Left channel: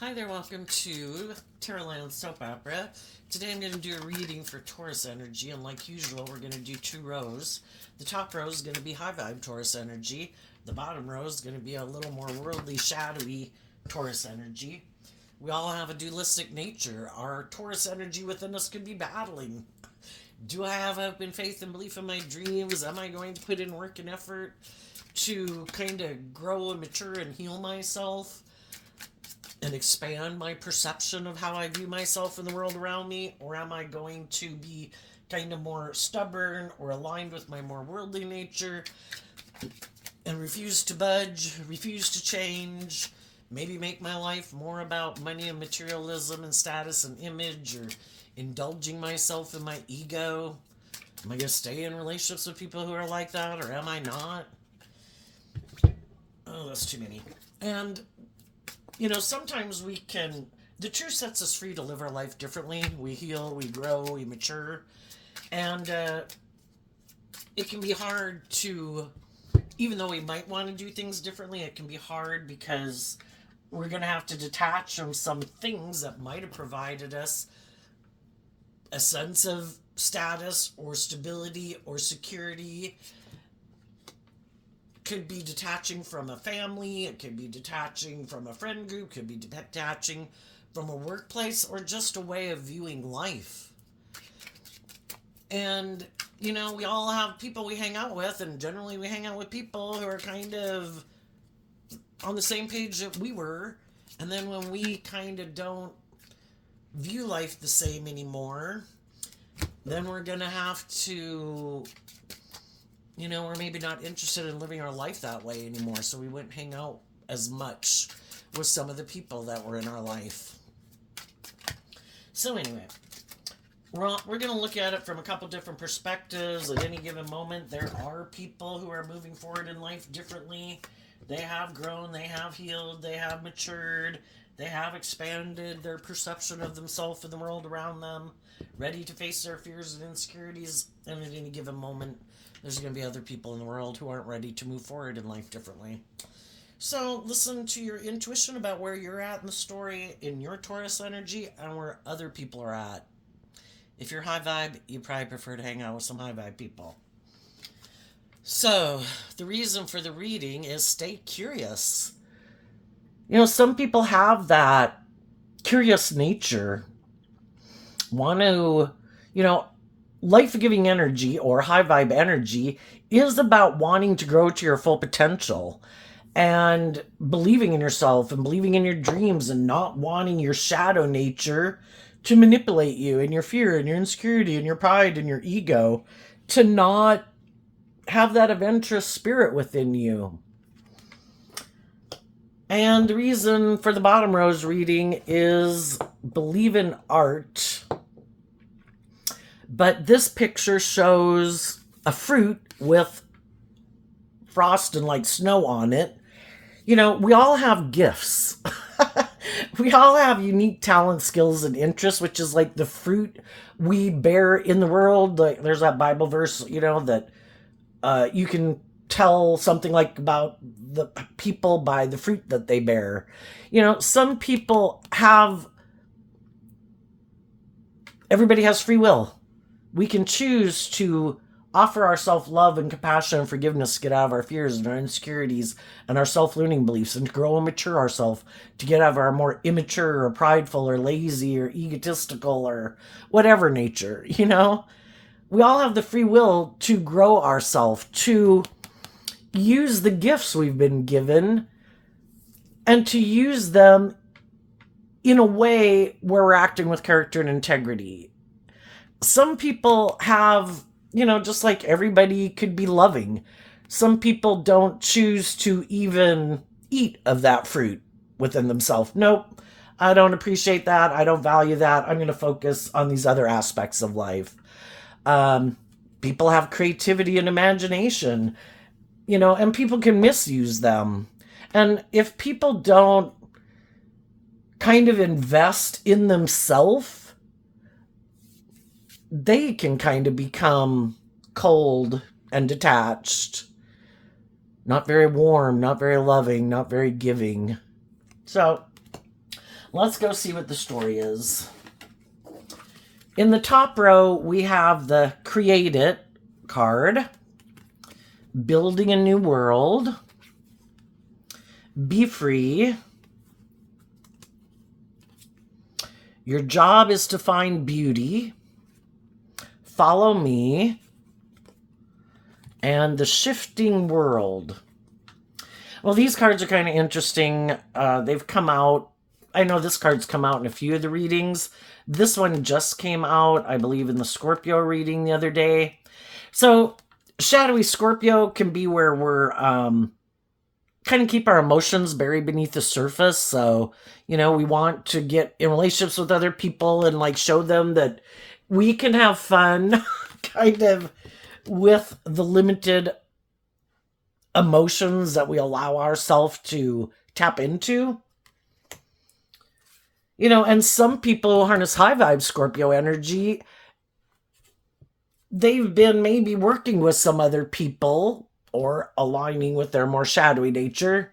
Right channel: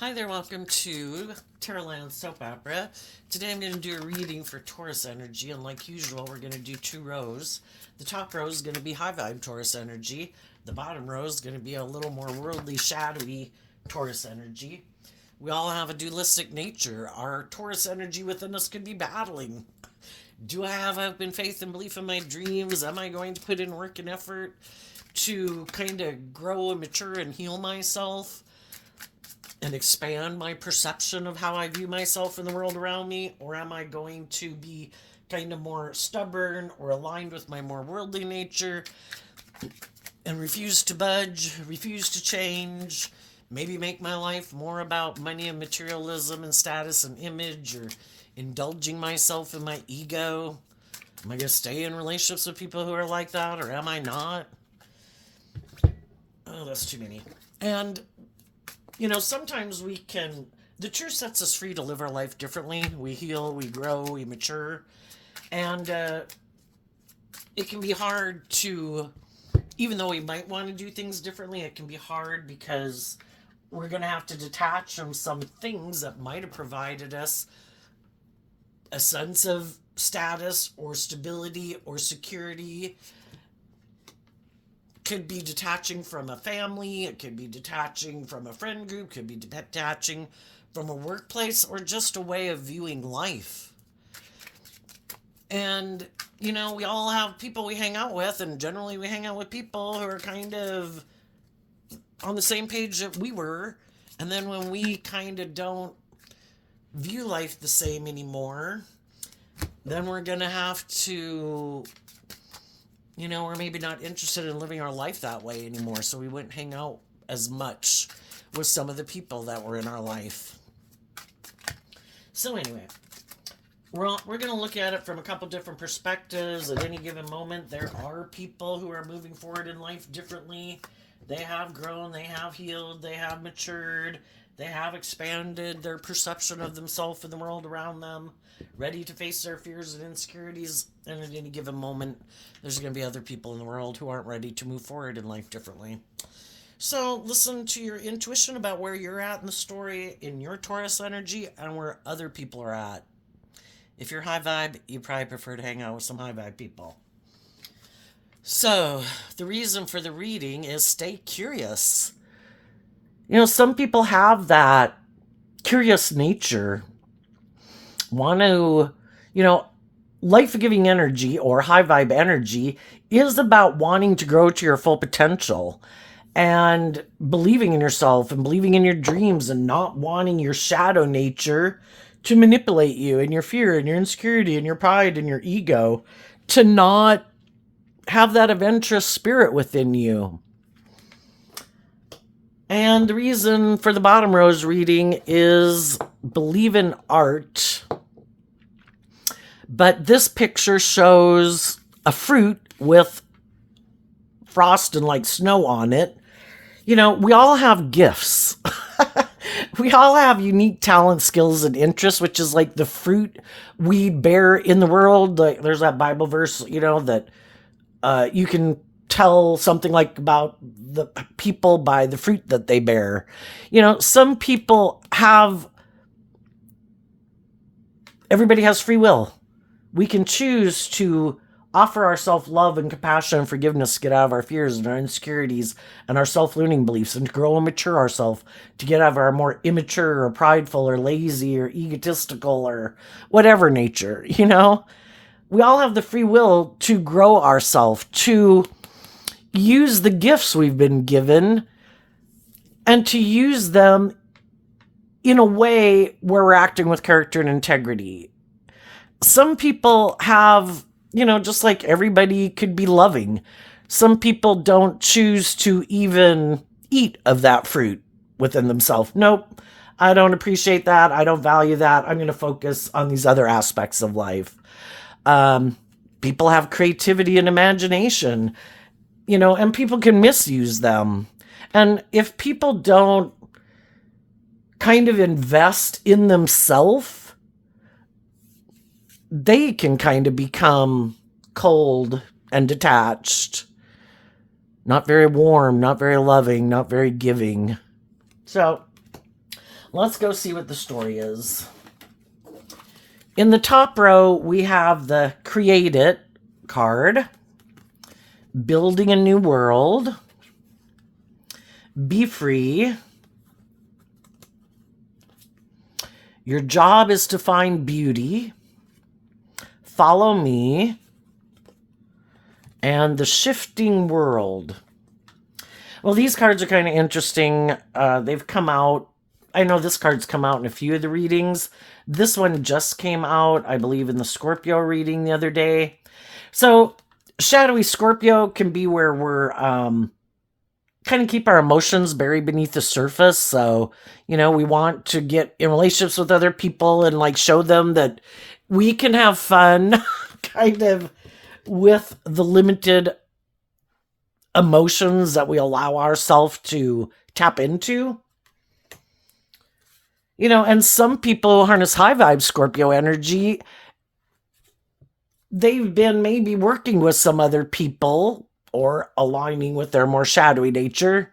Hi there, welcome to Carolina Soap Opera. Today I'm going to do a reading for Taurus energy, and like usual, we're going to do two rows. The top row is going to be high vibe Taurus energy. The bottom row is going to be a little more worldly, shadowy Taurus energy. We all have a dualistic nature. Our Taurus energy within us could be battling. Do I have hope and faith and belief in my dreams? Am I going to put in work and effort to kind of grow and mature and heal myself and expand my perception of how I view myself in the world around me? Or am I going to be kind of more stubborn or aligned with my more worldly nature and refuse to budge, refuse to change, maybe make my life more about money and materialism and status and image, or indulging myself in my ego? Am I going to stay in relationships with people who are like that, or am I not? Oh, that's too many. And sometimes the truth sets us free to live our life differently. We heal, we grow, we mature. And it can be hard to, even though we might want to do things differently, it can be hard because we're going to have to detach from some things that might have provided us a sense of status or stability or security. Could be detaching from a family, it could be detaching from a friend group, could be detaching from a workplace, or just a way of viewing life. And we all have people we hang out with, and generally we hang out with people who are kind of on the same page that we were. And then when we kind of don't view life the same anymore, then we're gonna have to, we're maybe not interested in living our life that way anymore, so we wouldn't hang out as much with some of the people that were in our life. So anyway, we're going to look at it from a couple different perspectives. At any given moment, there are people who are moving forward in life differently. They have grown, they have healed, they have matured, they have expanded their perception of themselves and the world around them, ready to face their fears and insecurities. And at any given moment, there's going to be other people in the world who aren't ready to move forward in life differently. So listen to your intuition about where you're at in the story in your Taurus energy and where other people are at. If you're high vibe, you probably prefer to hang out with some high vibe people. So the reason for the reading is stay curious. Some people have that curious nature, want to, life-giving energy or high vibe energy is about wanting to grow to your full potential and believing in yourself and believing in your dreams and not wanting your shadow nature to manipulate you and your fear and your insecurity and your pride and your ego to not have that adventurous spirit within you. And the reason for the bottom row's reading is believe in art. But this picture shows a fruit with frost and like snow on it. We all have gifts. We all have unique talent, skills, and interests, which is like the fruit we bear in the world. Like, there's that Bible verse, that you can tell something like about the people by the fruit that they bear. Some people everybody has free will. We can choose to offer our self-love and compassion and forgiveness to get out of our fears and our insecurities and our self-learning beliefs and to grow and mature ourselves, to get out of our more immature or prideful or lazy or egotistical or whatever nature. We all have the free will to grow ourselves, to use the gifts we've been given and to use them in a way where we're acting with character and integrity. Some people have, just like everybody could be loving. Some people don't choose to even eat of that fruit within themselves. Nope, I don't appreciate that. I don't value that. I'm going to focus on these other aspects of life. People have creativity and imagination, and people can misuse them. And if people don't kind of invest in themselves, they can kind of become cold and detached, not very warm, not very loving, not very giving. So Let's go see what the story is. In the top row, we have the Create It card, Building a New World, Be Free. Your job is to find beauty, Follow Me, and The Shifting World. Well, these cards are kind of interesting. They've come out. I know this card's come out in a few of the readings. This one just came out, I believe, in the Scorpio reading the other day. So, shadowy Scorpio can be where we're kind of keep our emotions buried beneath the surface. So, we want to get in relationships with other people and like show them that we can have fun kind of with the limited emotions that we allow ourselves to tap into. And some people harness high vibe Scorpio energy. They've been maybe working with some other people or aligning with their more shadowy nature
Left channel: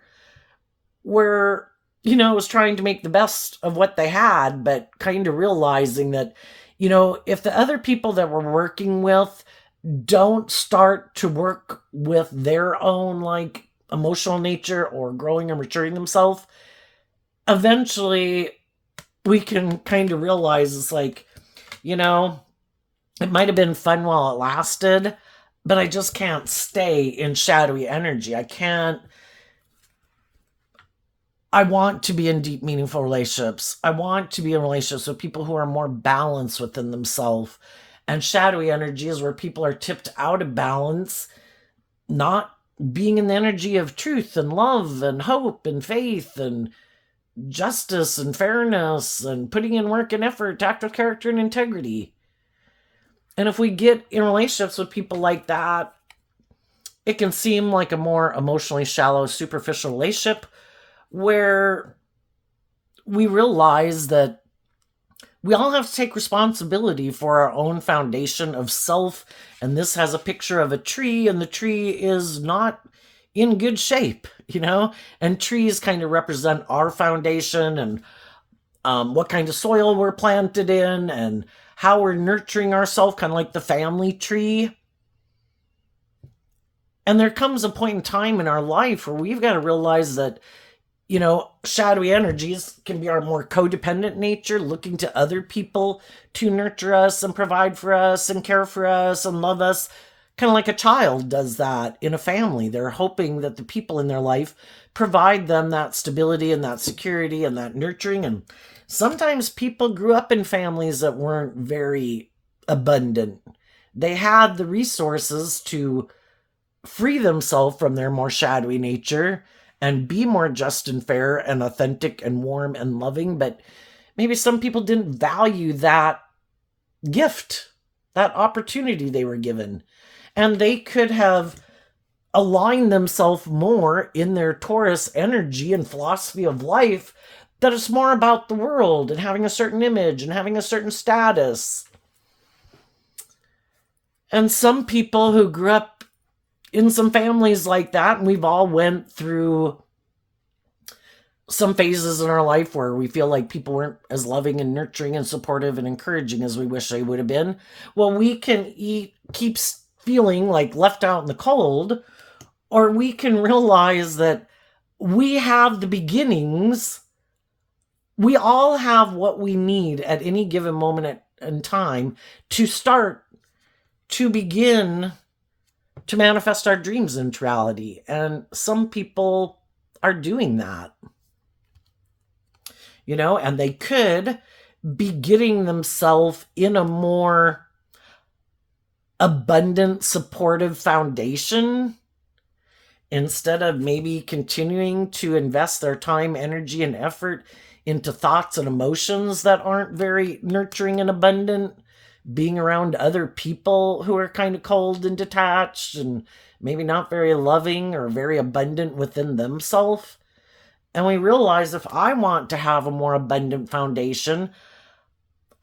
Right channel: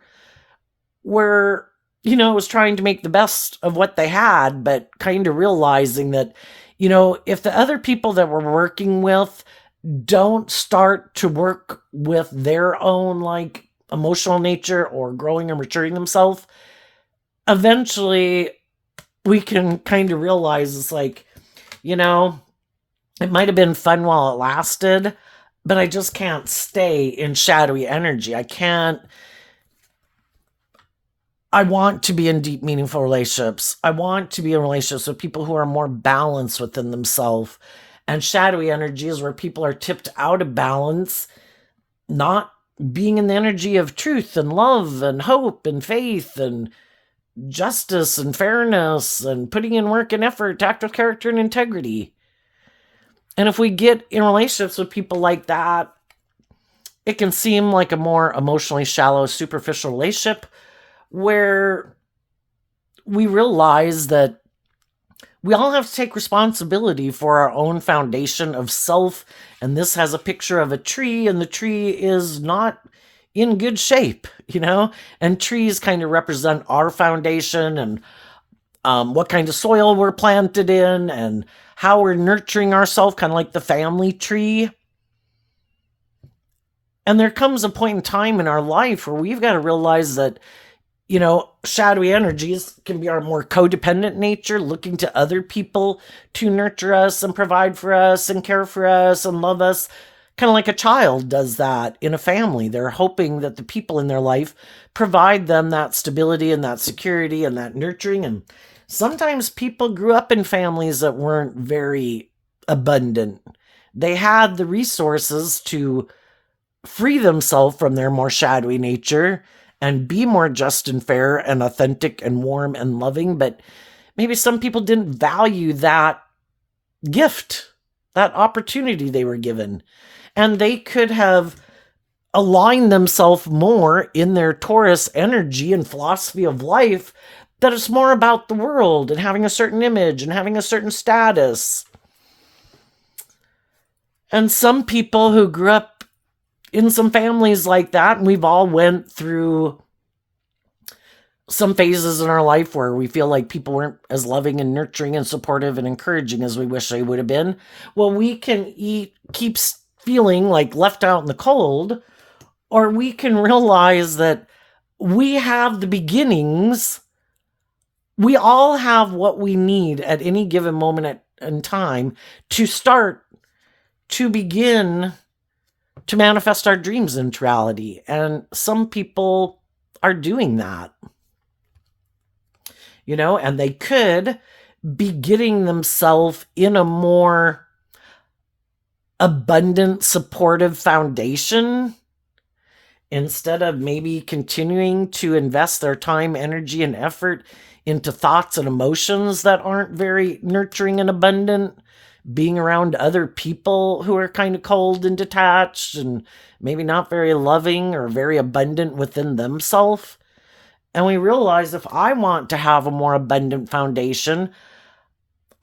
where, was trying to make the best of what they had, but kind of realizing that, if the other people that we're working with don't start to work with their own like emotional nature or growing and maturing themselves, eventually we can kind of realize it's like, it might have been fun while it lasted, but I just can't stay in shadowy energy. I want to be in deep, meaningful relationships. I want to be in relationships with people who are more balanced within themselves. And shadowy energy is where people are tipped out of balance, not being in the energy of truth and love and hope and faith and justice and fairness and putting in work and effort, tactile character and integrity. And if we get in relationships with people like that, it can seem like a more emotionally shallow, superficial relationship where we realize that we all have to take responsibility for our own foundation of self. And this has a picture of a tree, and the tree is not in good shape, and trees kind of represent our foundation and what kind of soil we're planted in and how we're nurturing ourselves, kind of like the family tree. And there comes a point in time in our life where we've got to realize that, shadowy energies can be our more codependent nature, looking to other people to nurture us and provide for us and care for us and love us. Kind of like a child does that in a family. They're hoping that the people in their life provide them that stability and that security and that nurturing. And sometimes people grew up in families that weren't very abundant. They had the resources to free themselves from their more shadowy nature and be more just and fair and authentic and warm and loving. But maybe some people didn't value that gift, that opportunity they were given. And they could have aligned themselves more in their Taurus energy and philosophy of life, that it's more about the world and having a certain image and having a certain status. And some people who grew up in some families like that, and we've all went through some phases in our life where we feel like people weren't as loving and nurturing and supportive and encouraging as we wish they would have been. Well, we can keep feeling like left out in the cold, or we can realize that we have the beginnings. We all have what we need at any given moment in time to start to begin to manifest our dreams into reality. And some people are doing that, and they could be getting themselves in a more abundant, supportive foundation instead of maybe continuing to invest their time, energy, and effort into thoughts and emotions that aren't very nurturing and abundant, being around other people who are kind of cold and detached and maybe not very loving or very abundant within themselves. And we realize if I want to have a more abundant foundation,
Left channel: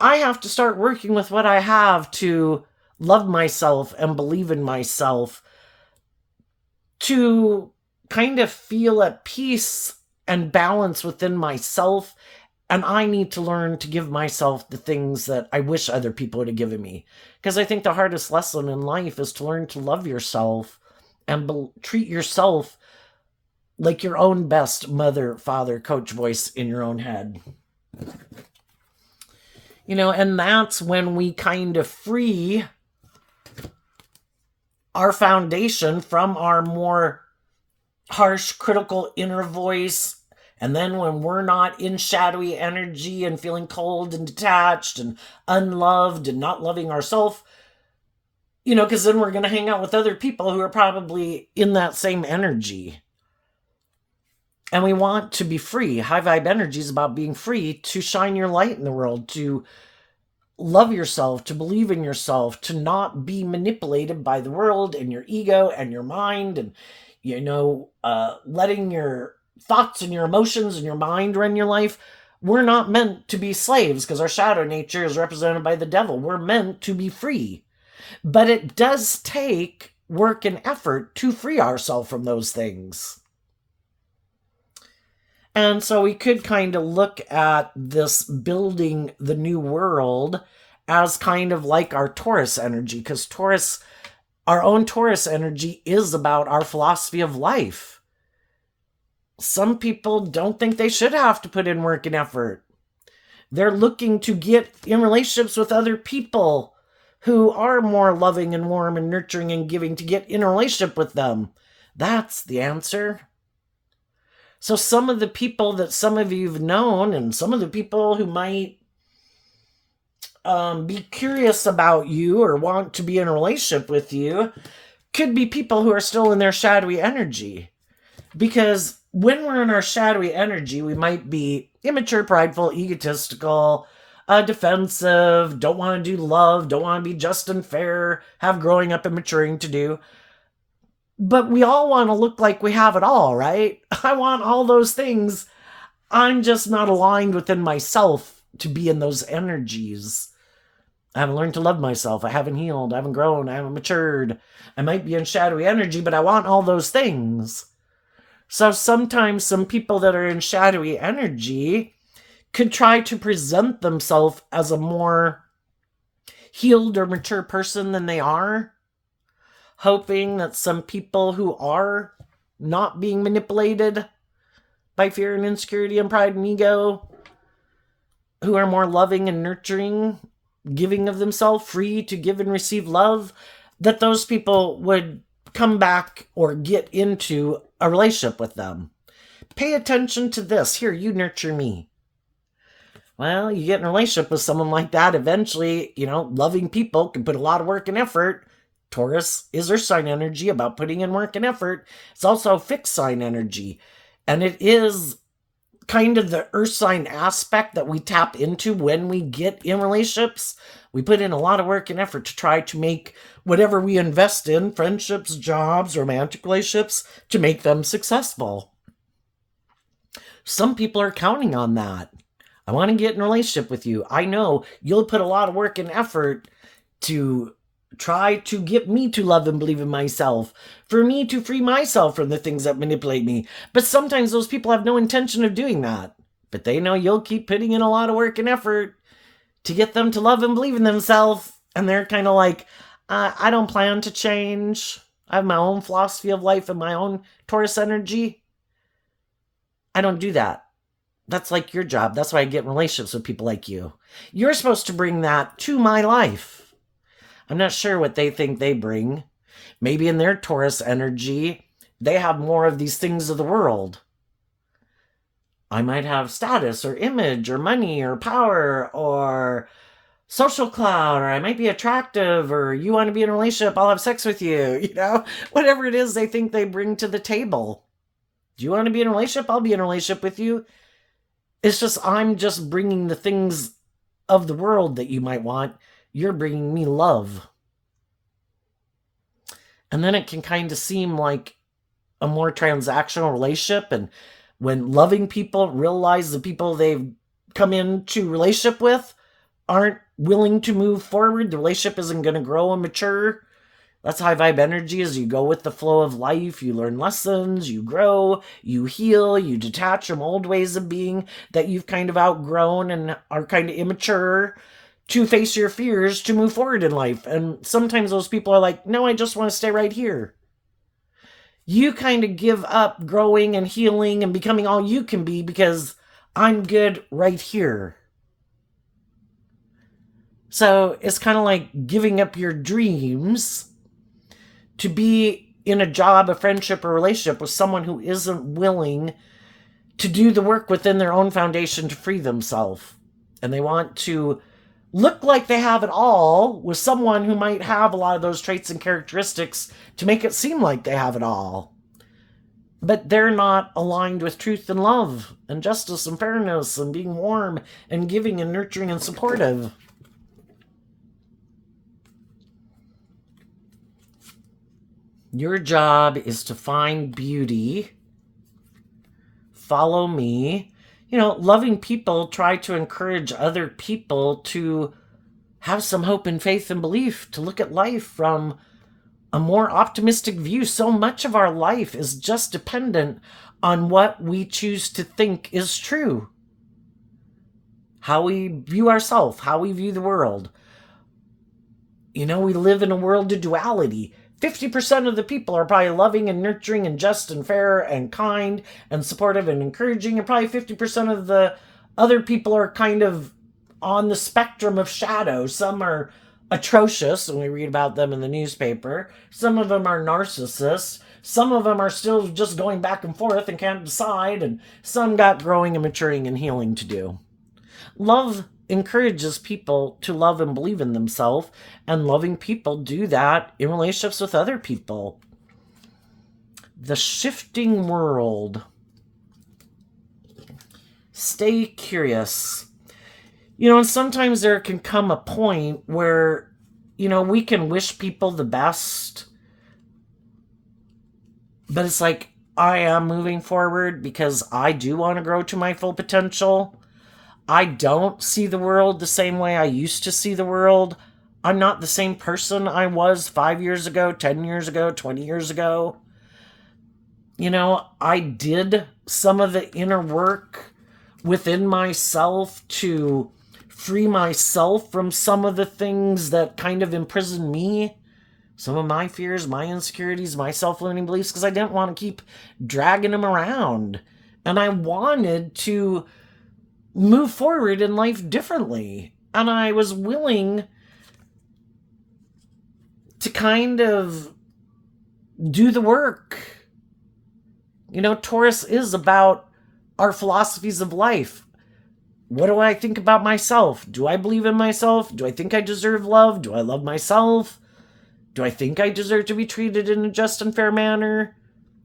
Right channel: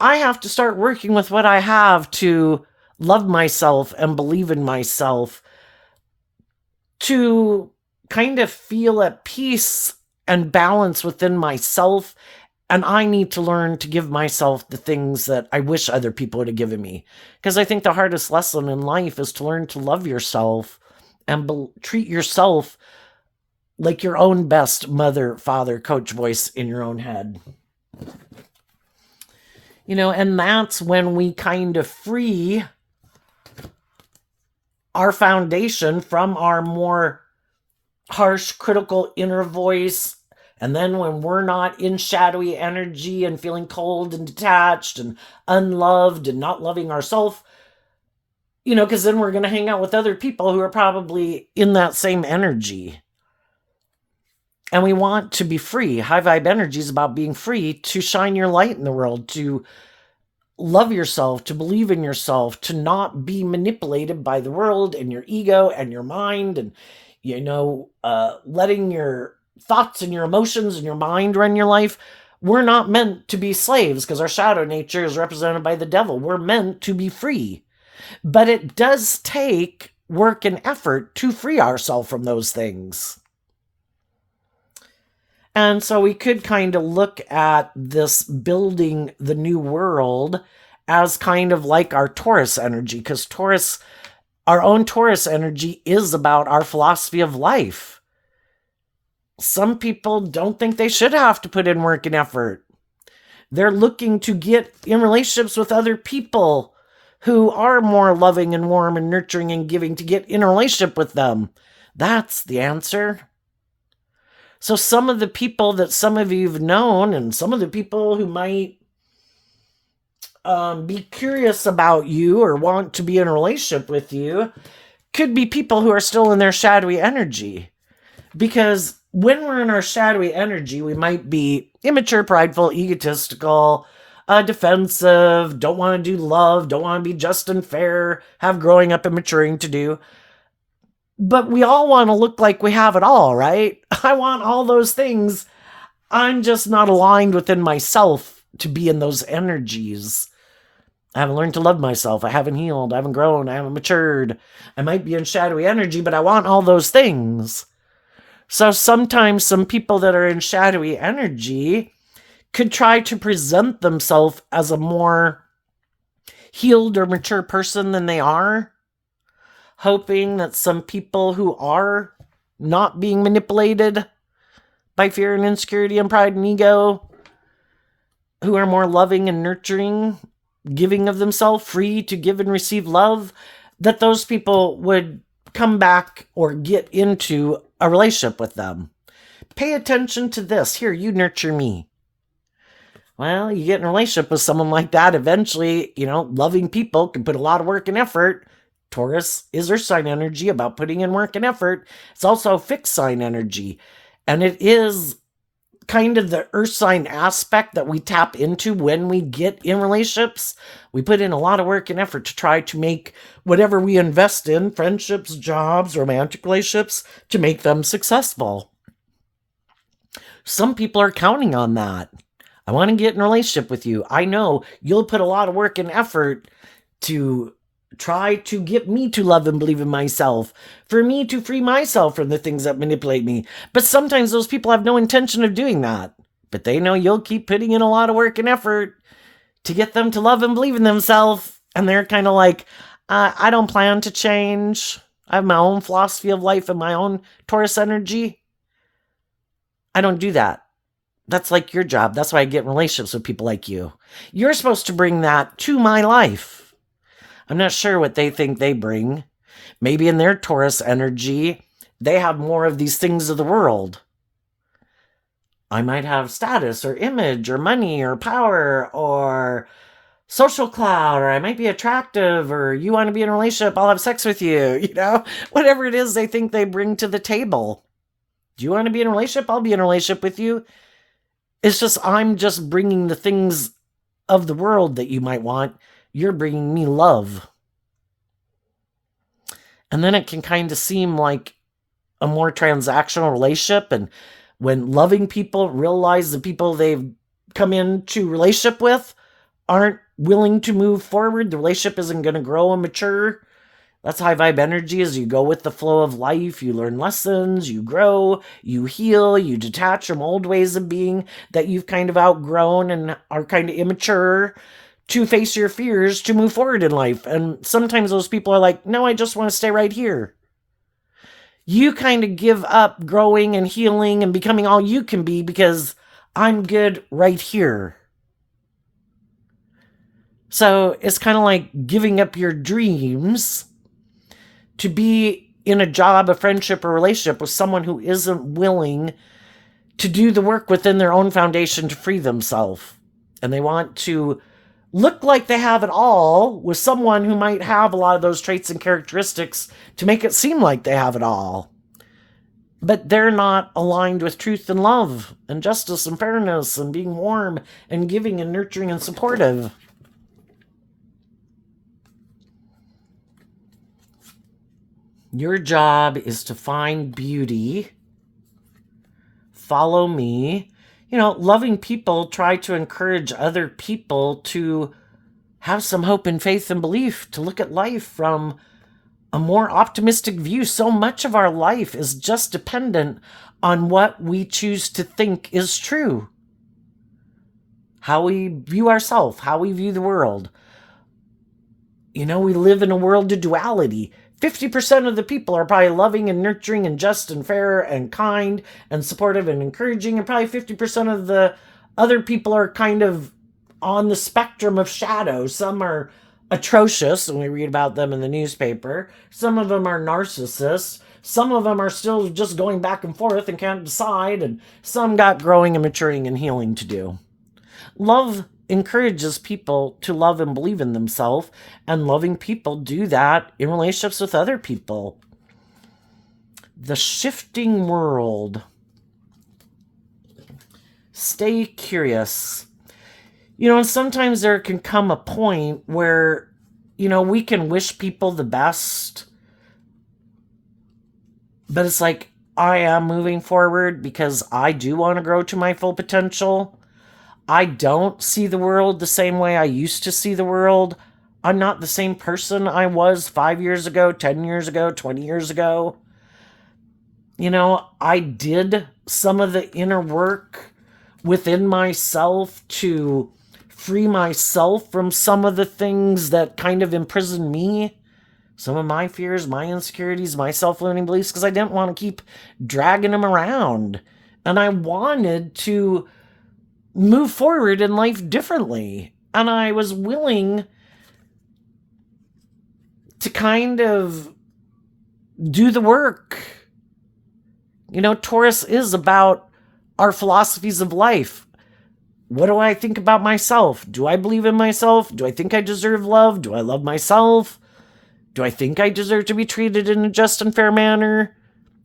I have to start working with what I have to love myself and believe in myself, to kind of feel at peace and balance within myself And I need to learn to give myself the things that I wish other people would have given me. Because I think the hardest lesson in life is to learn to love yourself and treat yourself like your own best mother, father, coach voice in your own head. And that's when we kind of free our foundation from our more harsh, critical inner voice. And then when we're not in shadowy energy and feeling cold and detached and unloved and not loving ourselves, because then we're going to hang out with other people who are probably in that same energy. And we want to be free. High vibe energy is about being free to shine your light in the world, to love yourself, to believe in yourself, to not be manipulated by the world and your ego and your mind, and letting your thoughts and your emotions and your mind run your life. We're not meant to be slaves because our shadow nature is represented by the devil. We're meant to be free. But it does take work and effort to free ourselves from those things. And so we could kind of look at this building the new world as kind of like our Taurus energy, because our own Taurus energy is about our philosophy of life. Some people don't think they should have to put in work and effort. They're looking to get in relationships with other people who are more loving and warm and nurturing and giving, to get in a relationship with them. That's the answer. So some of the people that some of you've known, and some of the people who might be curious about you or want to be in a relationship with you, could be people who are still in their shadowy energy. Because when we're in our shadowy energy, we might be immature, prideful, egotistical, defensive, don't want to do love, don't want to be just and fair, have growing up and maturing to do. But we all want to look like we have it all, right? I want all those things. I'm just not aligned within myself to be in those energies. I haven't learned to love myself. I haven't healed. I haven't grown. I haven't matured. I might be in shadowy energy, but I want all those things. So sometimes some people that are in shadowy energy could try to present themselves as a more healed or mature person than they are, hoping that some people who are not being manipulated by fear and insecurity and pride and ego, who are more loving and nurturing, giving of themselves, free to give and receive love, that those people would come back or get into a relationship with them. Pay attention to this. Here, you nurture me. Well, you get in a relationship with someone like that, eventually, loving people can put a lot of work and effort. Taurus is earth sign energy, about putting in work and effort. It's also fixed sign energy. And it is kind of the earth sign aspect that we tap into when we get in relationships. We put in a lot of work and effort to try to make whatever we invest in, friendships, jobs, romantic relationships, to make them successful. Some people are counting on that. I want to get in a relationship with you. I know you'll put a lot of work and effort to try to get me to love and believe in myself, for me to free myself from the things that manipulate me. But sometimes those people have no intention of doing that. But they know you'll keep putting in a lot of work and effort to get them to love and believe in themselves. And they're kind of like, I don't plan to change. I have my own philosophy of life and my own Taurus energy. I don't do that. That's like your job. That's why I get in relationships with people like you. You're supposed to bring that to my life. I'm not sure what they think they bring. Maybe in their Taurus energy, they have more of these things of the world. I might have status or image or money or power or social clout, or I might be attractive, or you want to be in a relationship, I'll have sex with you, whatever it is they think they bring to the table. Do you want to be in a relationship? I'll be in a relationship with you. It's just, I'm just bringing the things of the world that you might want. You're bringing me love. And then it can kind of seem like a more transactional relationship. And when loving people realize the people they've come into relationship with aren't willing to move forward, the relationship isn't going to grow and mature, That's high vibe energy. As you go with the flow of life, you learn lessons, you grow, you heal, you detach from old ways of being that you've kind of outgrown and are kind of immature, to face your fears, to move forward in life. And sometimes those people are like, no, I just want to stay right here. You kind of give up growing and healing and becoming all you can be because I'm good right here. So it's kind of like giving up your dreams to be in a job, a friendship, or relationship with someone who isn't willing to do the work within their own foundation to free themselves. And they want to look like they have it all with someone who might have a lot of those traits and characteristics to make it seem like they have it all. But they're not aligned with truth and love and justice and fairness and being warm and giving and nurturing and supportive. Your job is to find beauty, follow me. Loving people, try to encourage other people to have some hope and faith and belief, to look at life from a more optimistic view. So much of our life is just dependent on what we choose to think is true. How we view ourselves, how we view the world. We live in a world of duality. 50% of the people are probably loving and nurturing and just and fair and kind and supportive and encouraging. And probably 50% of the other people are kind of on the spectrum of shadow. Some are atrocious, and we read about them in the newspaper. Some of them are narcissists. Some of them are still just going back and forth and can't decide. And some got growing and maturing and healing to do. Love encourages people to love and believe in themselves, and loving people do that in relationships with other people. The shifting world. Stay curious. And sometimes there can come a point where, we can wish people the best, but it's like, I am moving forward because I do want to grow to my full potential. I don't see the world the same way I used to see the world. I'm not the same person I was 5 years ago, 10 years ago, 20 years ago. I did some of the inner work within myself to free myself from some of the things that kind of imprison me. Some of my fears, my insecurities, my self-limiting beliefs, because I didn't want to keep dragging them around. And I wanted to move forward in life differently. And I was willing to kind of do the work. Taurus is about our philosophies of life. What do I think about myself? Do I believe in myself? Do I think I deserve love? Do I love myself? Do I think I deserve to be treated in a just and fair manner?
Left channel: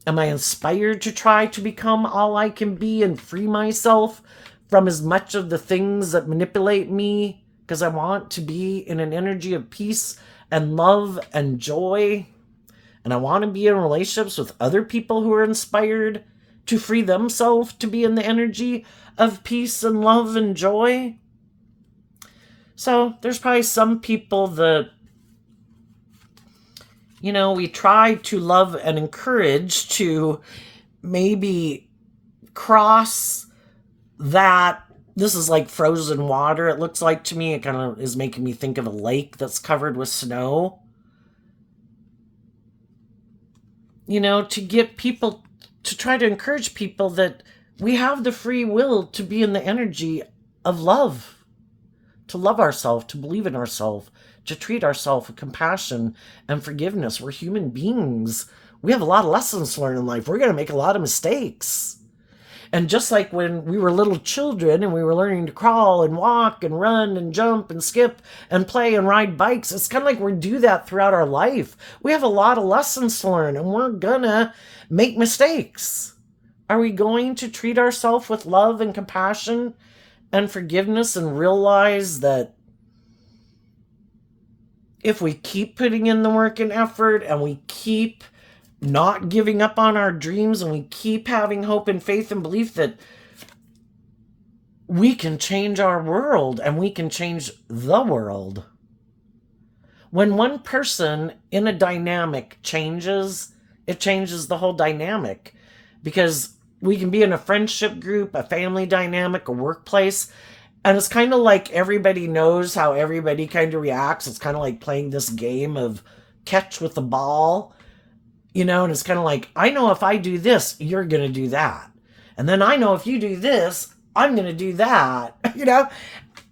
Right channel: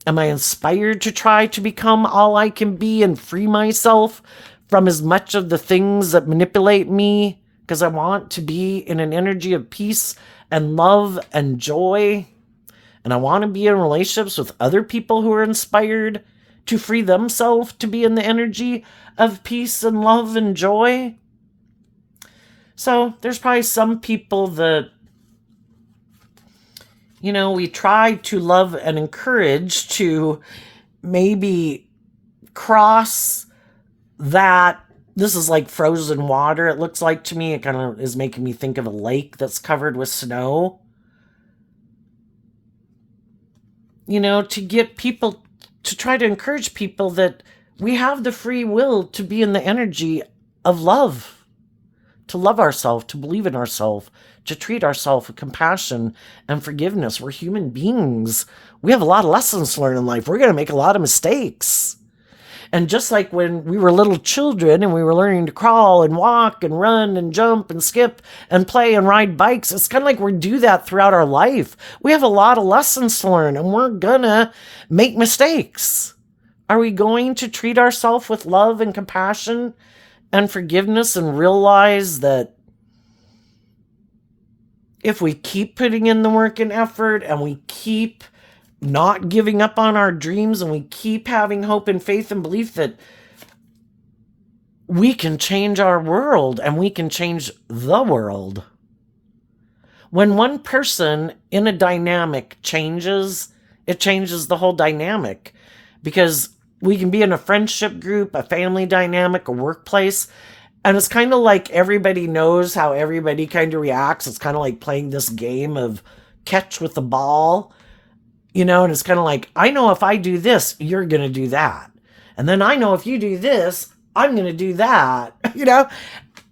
Am I inspired to try to become all I can be and free myself from as much of the things that manipulate me? Because I want to be in an energy of peace and love and joy. And I want to be in relationships with other people who are inspired to free themselves to be in the energy of peace and love and joy. So there's probably some people that, we try to love and encourage to maybe cross that. This is like frozen water, it looks like to me. It kind of is making me think of a lake that's covered with snow. To get people, to try to encourage people that we have the free will to be in the energy of love, to love ourselves, to believe in ourselves, to treat ourselves with compassion and forgiveness. We're human beings. We have a lot of lessons to learn in life. We're going to make a lot of mistakes. And just like when we were little children and we were learning to crawl and walk and run and jump and skip and play and ride bikes, it's kind of like we do that throughout our life. We have a lot of lessons to learn, and we're gonna make mistakes. Are we going to treat ourselves with love and compassion and forgiveness and realize that if we keep putting in the work and effort and we keep not giving up on our dreams and we keep having hope and faith and belief that we can change our world and we can change the world? When one person in a dynamic changes, it changes the whole dynamic, because we can be in a friendship group, a family dynamic, a workplace, and it's kind of like everybody knows how everybody kind of reacts. It's kind of like playing this game of catch with the ball, and it's kind of like, I know if I do this, you're going to do that. And then I know if you do this, I'm going to do that,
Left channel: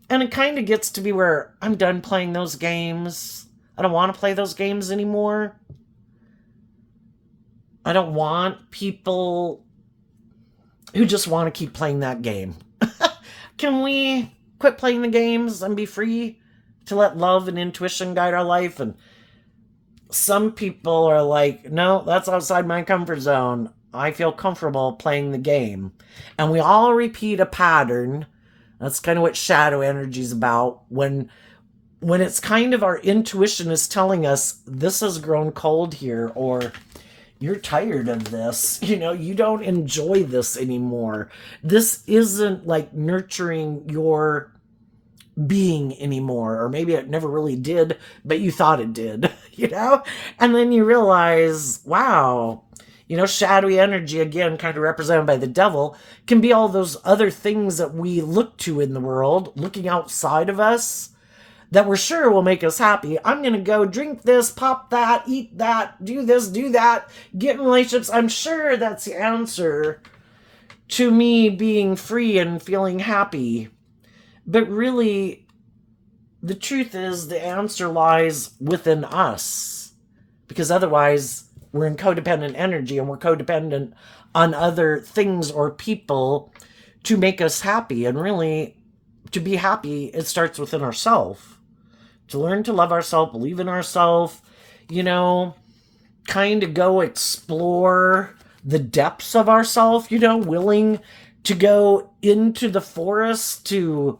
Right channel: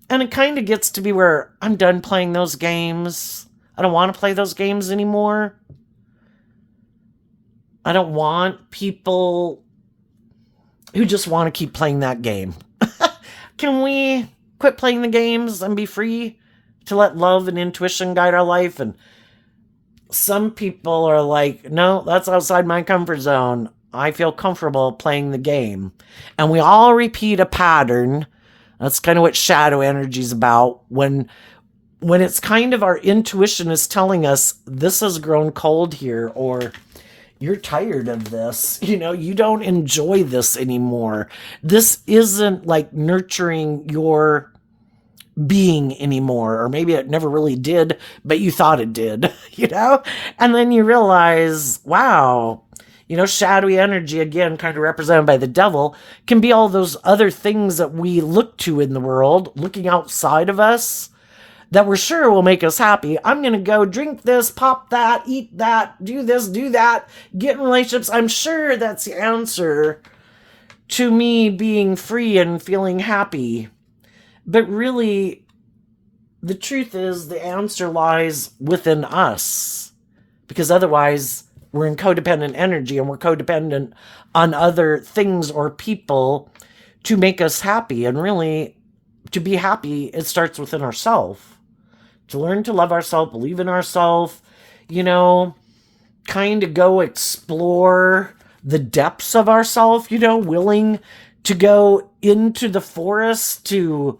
And it kind of gets to be where I'm done playing those games. I don't want to play those games anymore. I don't want people who just want to keep playing that game. Can we quit playing the games and be free to let love and intuition guide our life? And some people are like, no, that's outside my comfort zone. I feel comfortable playing the game. And we all repeat a pattern. That's kind of what shadow energy is about. When it's kind of our intuition is telling us this has grown cold here, or you're tired of this, you don't enjoy this anymore. This isn't like nurturing your being anymore, or maybe it never really did, but you thought it did, And then you realize, wow, shadowy energy, again, kind of represented by the devil, can be all those other things that we look to in the world, looking outside of us, that we're sure will make us happy. I'm going to go drink this, pop that, eat that, do this, do that, get in relationships. I'm sure that's the answer to me being free and feeling happy. But really, the truth is the answer lies within us. Because otherwise, we're in codependent energy, and we're codependent on other things or people to make us happy. And really, to be happy, it starts within ourselves. To learn to love ourselves, believe in ourselves, kind of go explore the depths of ourselves, willing to go into the forest to,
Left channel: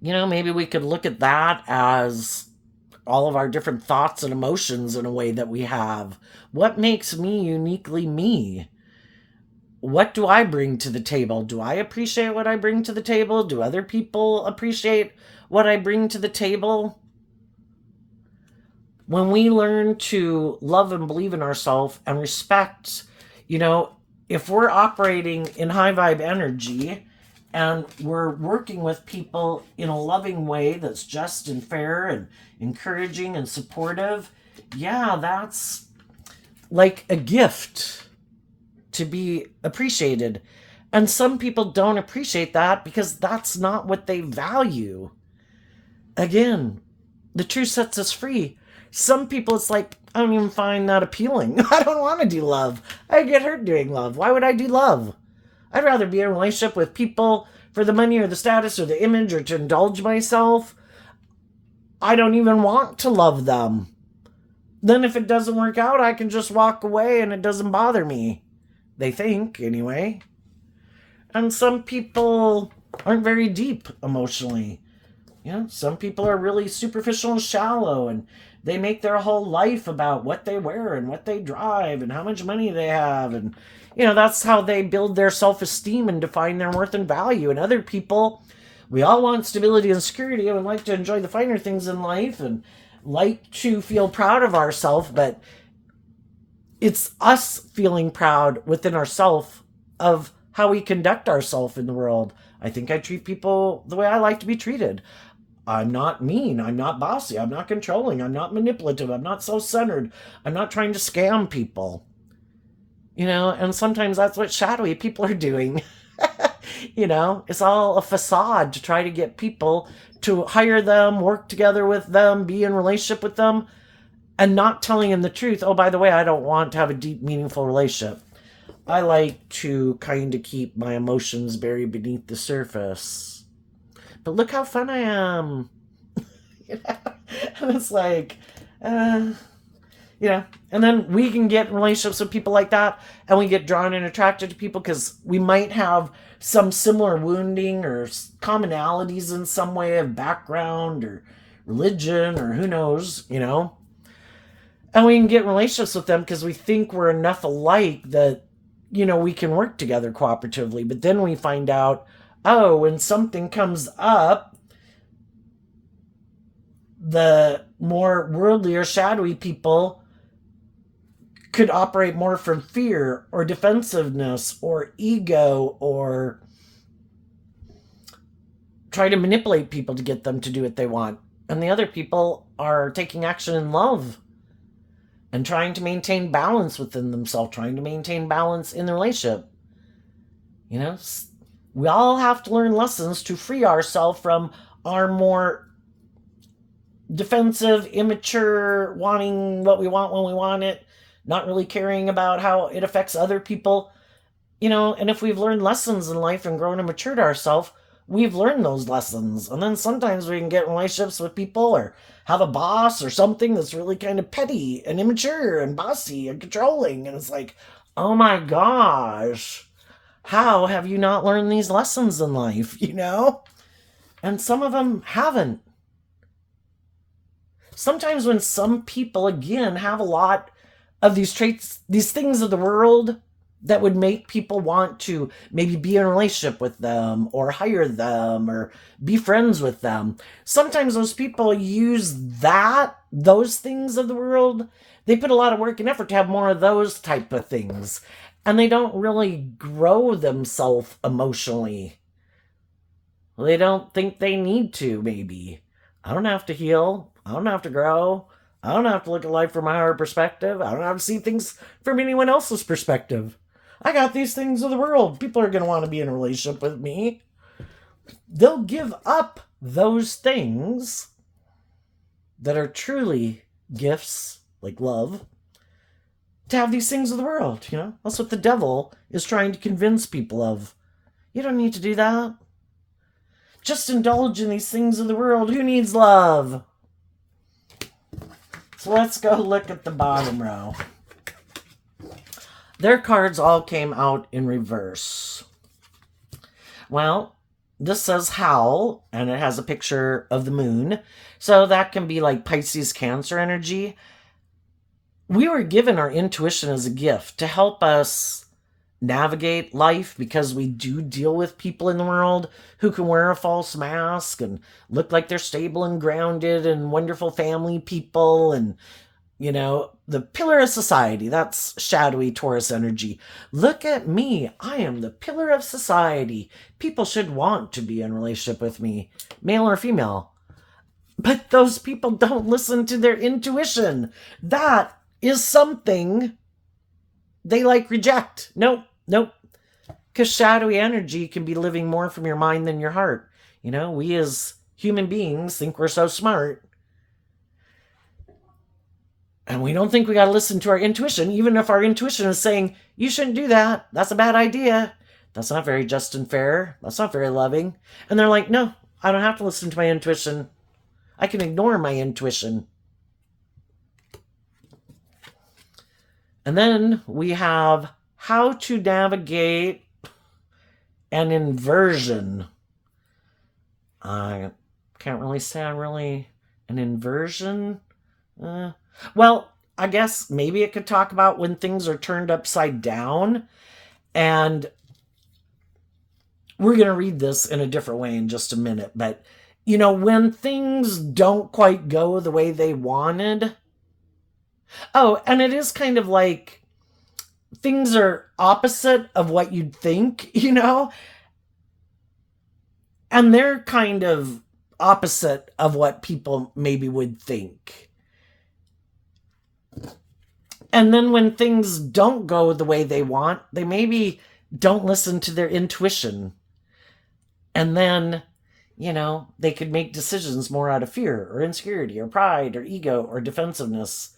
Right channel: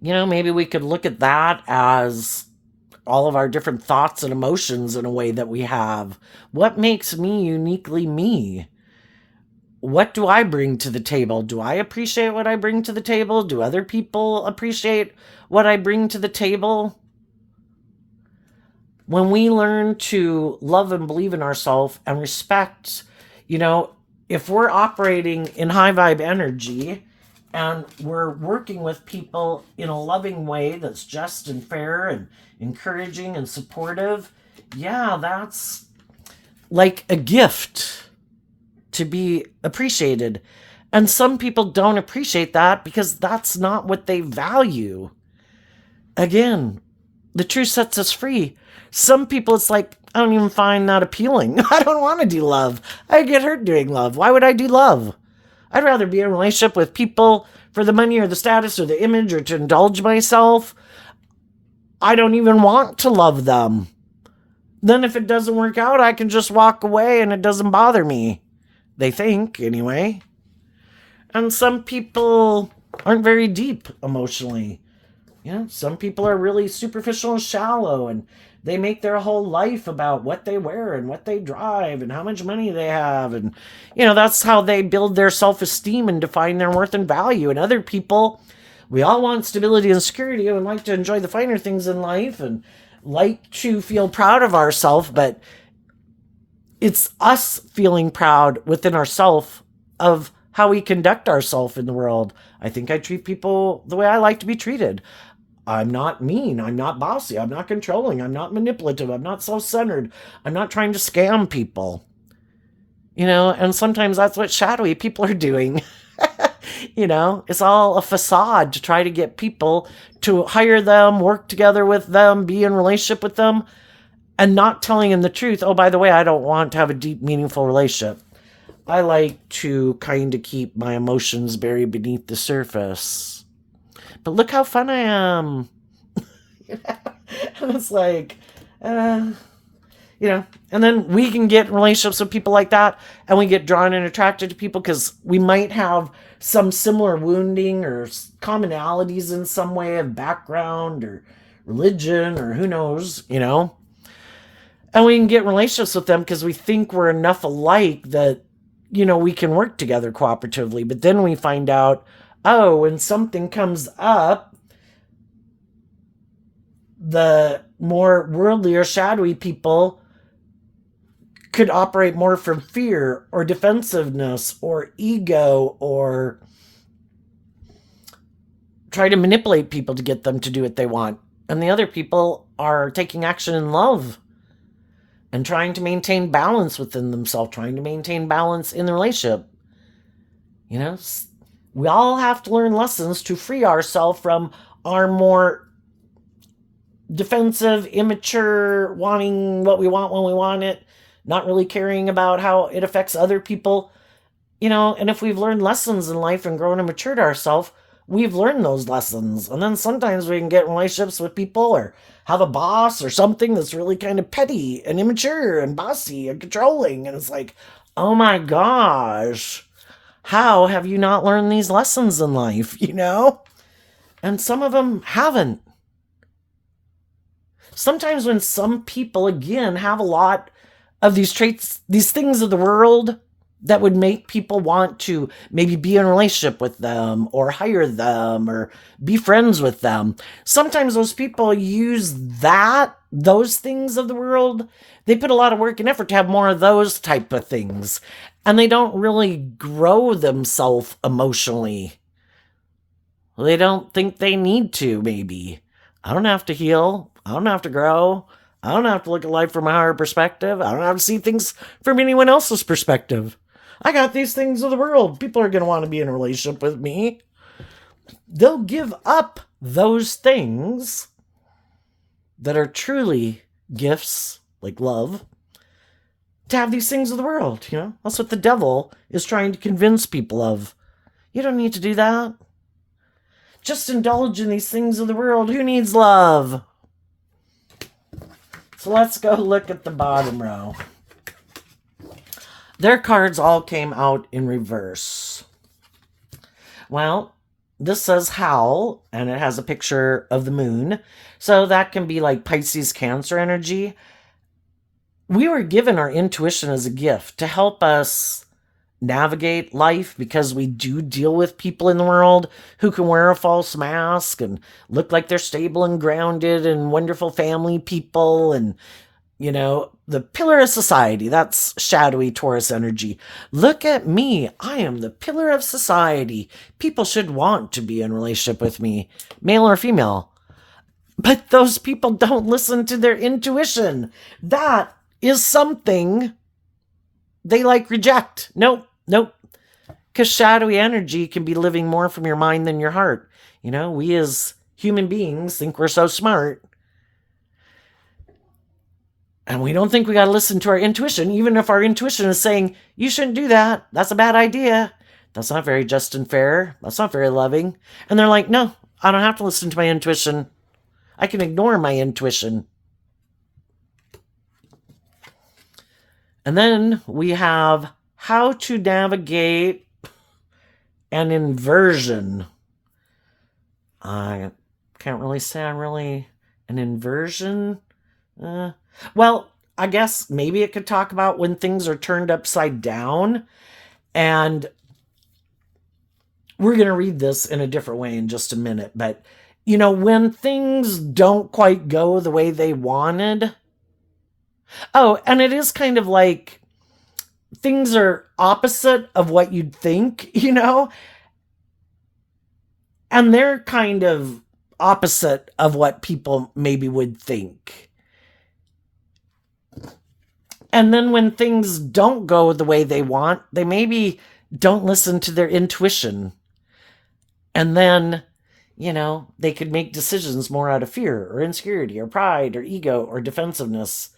maybe we could look at that as all of our different thoughts and emotions in a way that we have. What makes me uniquely me? What do I bring to the table? Do I appreciate what I bring to the table? Do other people appreciate what I bring to the table? When we learn to love and believe in ourselves and respect, if we're operating in high vibe energy and we're working with people in a loving way that's just and fair and encouraging and supportive, yeah, that's like a gift to be appreciated. And some people don't appreciate that because that's not what they value. Again, the truth sets us free. Some people, it's like, I don't even find that appealing. I don't want to do love. I get hurt doing love. Why would I do love? I'd rather be in a relationship with people for the money or the status or the image or to indulge myself. I don't even want to love them. Then if it doesn't work out, I can just walk away and it doesn't bother me. They think, anyway. And some people aren't very deep emotionally. Some people are really superficial and shallow, and they make their whole life about what they wear and what they drive and how much money they have. And, that's how they build their self-esteem and define their worth and value. And other people, we all want stability and security and like to enjoy the finer things in life and like to feel proud of ourselves. But it's us feeling proud within ourselves of how we conduct ourselves in the world. I think I treat people the way I like to be treated. I'm not mean. I'm not bossy. I'm not controlling. I'm not manipulative. I'm not self-centered. I'm not trying to scam people. And sometimes that's what shadowy people are doing. It's all a facade to try to get people to hire them, work together with them, be in relationship with them, and not telling them the truth. Oh, by the way, I don't want to have a deep, meaningful relationship. I like to kind of keep my emotions buried beneath the surface. But look how fun I am. And it's like, and then we can get in relationships with people like that, and we get drawn and attracted to people because we might have some similar wounding or commonalities in some way of background or religion or who knows, And we can get in relationships with them because we think we're enough alike that, we can work together cooperatively. But then we find out, oh, when something comes up, The more worldly or shadowy people could operate more from fear or defensiveness or ego, or try to manipulate people to get them to do what they want. And the other people are taking action in love and trying to maintain balance within themselves, trying to maintain balance in the relationship. You know, we all have to learn lessons to free ourselves from our more defensive, immature, wanting what we want when we want it, not really caring about how it affects other people. You know, and if we've learned lessons in life and grown and matured ourselves, we've learned those lessons. And then sometimes we can get in relationships with people or have a boss or something that's really kind of petty and immature and bossy and controlling. And it's like, oh my gosh, how have you not learned these lessons in life, you know? And some of them haven't. Sometimes when some people, again, have a lot of these traits, these things of the world that would make people want to maybe be in a relationship with them or hire them or be friends with them. Sometimes those people use those things of the world. They put a lot of work and effort to have more of those type of things. And they don't really grow themselves emotionally. They don't think they need to, maybe. I don't have to heal. I don't have to grow. I don't have to look at life from a higher perspective. I don't have to see things from anyone else's perspective. I got these things of the world. People are going to want to be in a relationship with me. They'll give up those things that are truly gifts, like love, to have these things of the world, you know? That's what the devil is trying to convince people of. You don't need to do that. Just indulge in these things of the world. Who needs love? So let's go look at the bottom row. Their cards all came out in reverse. Well, this says howl, and it has a picture of the moon. So that can be like Pisces, Cancer energy. We were given our intuition as a gift to help us navigate life, because we do deal with people in the world who can wear a false mask and look like they're stable and grounded and wonderful family people. And, you know, the pillar of society, that's shadowy Taurus energy. Look at me. I am the pillar of society. People should want to be in a relationship with me, male or female. But those people don't listen to their intuition. That is something they reject. Nope. Because shadowy energy can be living more from your mind than your heart. You know, we as human beings think we're so smart. And we don't think we got to listen to our intuition, even if our intuition is saying, you shouldn't do that. That's a bad idea. That's not very just and fair. That's not very loving. And they're like, no, I don't have to listen to my intuition. I can ignore my intuition. And then we have how to navigate an inversion. I can't really say I'm really an inversion. Well, I guess maybe it could talk about when things are turned upside down. And we're going to read this in a different way in just a minute. But, you know, when things don't quite go the way they wanted. Oh, and it is kind of like things are opposite of what you'd think, you know? And they're kind of opposite of what people maybe would think. And then when things don't go the way they want, they maybe don't listen to their intuition. And then, you know, they could make decisions more out of fear or insecurity or pride or ego or defensiveness,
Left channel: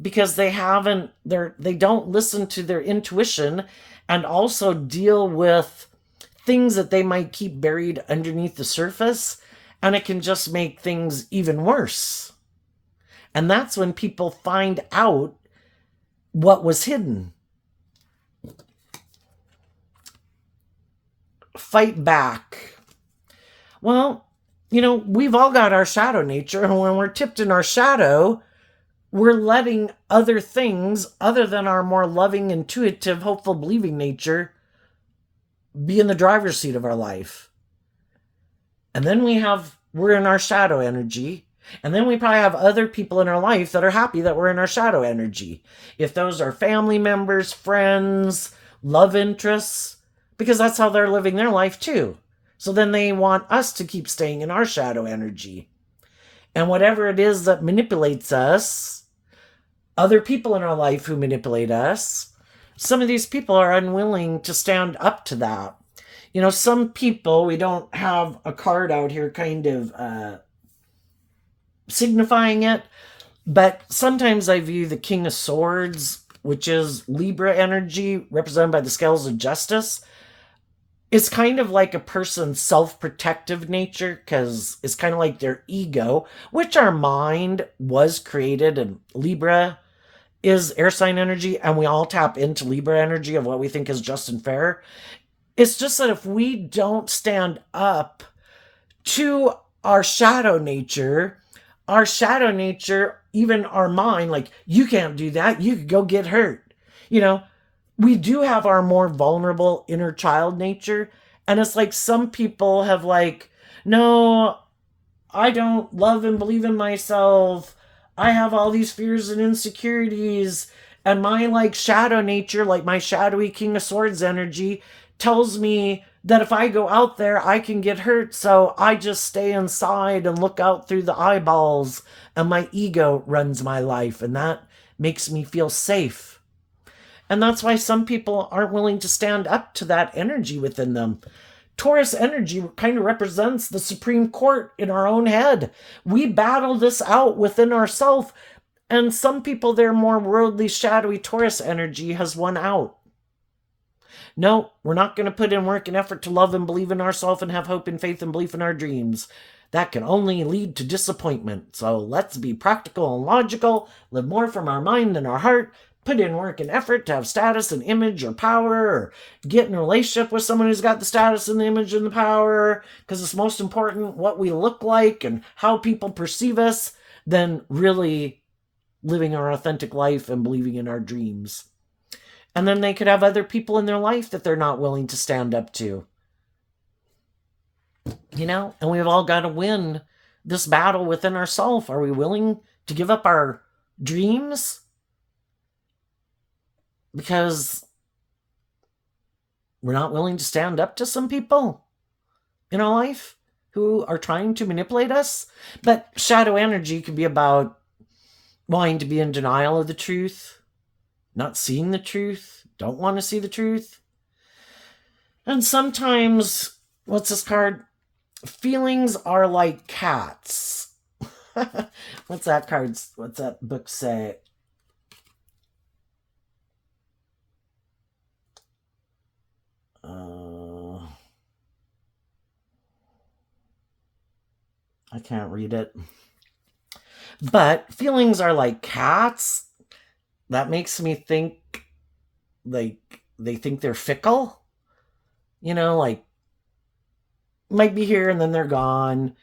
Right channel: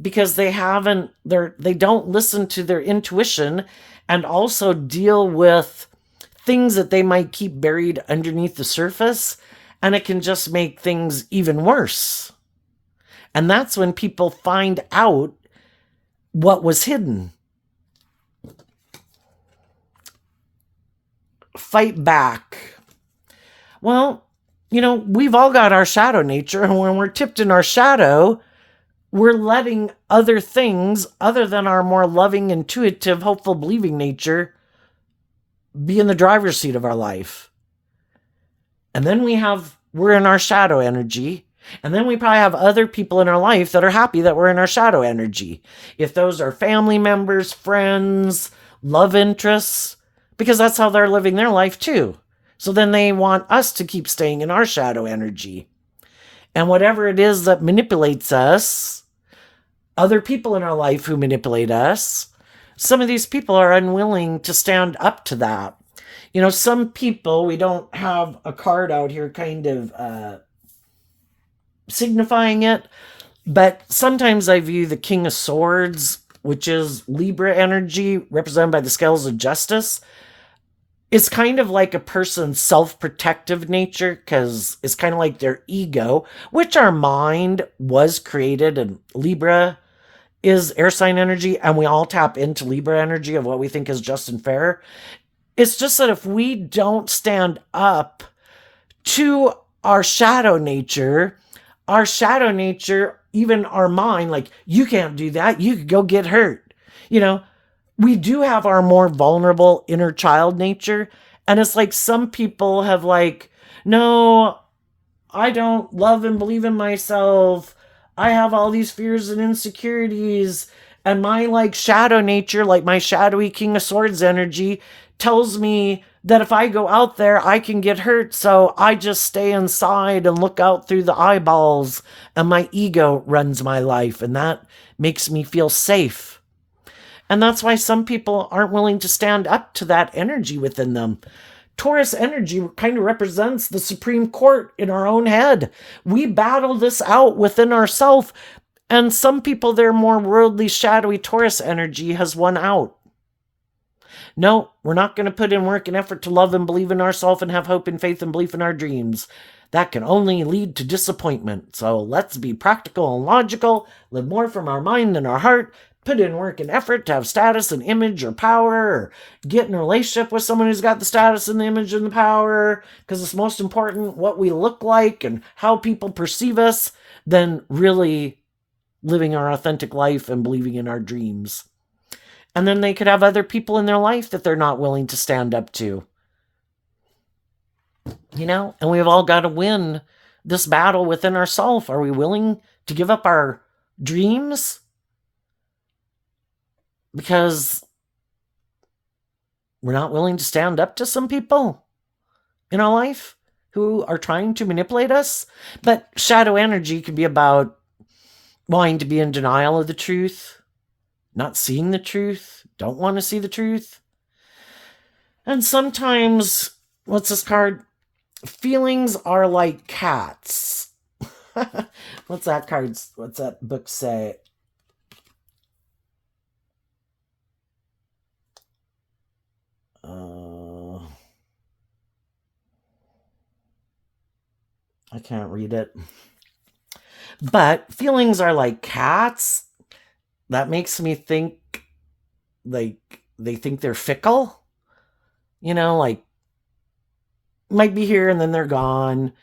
because they don't listen to their intuition and also deal with things that they might keep buried underneath the surface, and it can just make things even worse. And that's when people find out what was hidden. Fight back. Well, you know, we've all got our shadow nature, and when we're tipped in our shadow, we're letting other things other than our more loving, intuitive, hopeful, believing nature be in the driver's seat of our life. And then we're in our shadow energy, And then we probably have other people in our life that are happy that we're in our shadow energy. If those are family members, friends, love interests, because that's how they're living their life too. So then they want us to keep staying in our shadow energy. And whatever it is that manipulates us, other people in our life who manipulate us, some of these people are unwilling to stand up to that. Some people, we don't have a card out here kind of signifying it, but sometimes I view the King of Swords, which is Libra energy represented by the scales of justice. It's kind of like a person's self-protective nature, because it's kind of like their ego, which our mind was created, and Libra is air sign energy, and we all tap into Libra energy of what we think is just and fair. It's just that if we don't stand up to our shadow nature, even our mind, like, you can't do that, you could go get hurt. We do have our more vulnerable inner child nature. And it's like some people have like, no, I don't love and believe in myself. I have all these fears and insecurities. And my like shadow nature, like my shadowy King of Swords energy, tells me that if I go out there, I can get hurt. So I just stay inside and look out through the eyeballs, and my ego runs my life. And that makes me feel safe. And that's why some people aren't willing to stand up to that energy within them. Taurus energy kind of represents the Supreme Court in our own head. We battle this out within ourselves. And some people, their more worldly, shadowy Taurus energy has won out. No, we're not going to put in work and effort to love and believe in ourselves and have hope and faith and belief in our dreams. That can only lead to disappointment. So let's be practical and logical, live more from our mind and our heart, put in work and effort to have status and image or power, or get in a relationship with someone who's got the status and the image and the power, because it's most important what we look like and how people perceive us than really living our authentic life and believing in our dreams. And then they could have other people in their life that they're not willing to stand up to. And we've all got to win this battle within ourselves. Are we willing to give up our dreams? Because we're not willing to stand up to some people in our life who are trying to manipulate us. But shadow energy can be about wanting to be in denial of the truth, not seeing the truth, don't want to see the truth. And sometimes, what's this card? Feelings are like cats. What's that book say? I can't read it. But feelings are like cats. That makes me think like they think they're fickle. Like, might be here and then they're gone.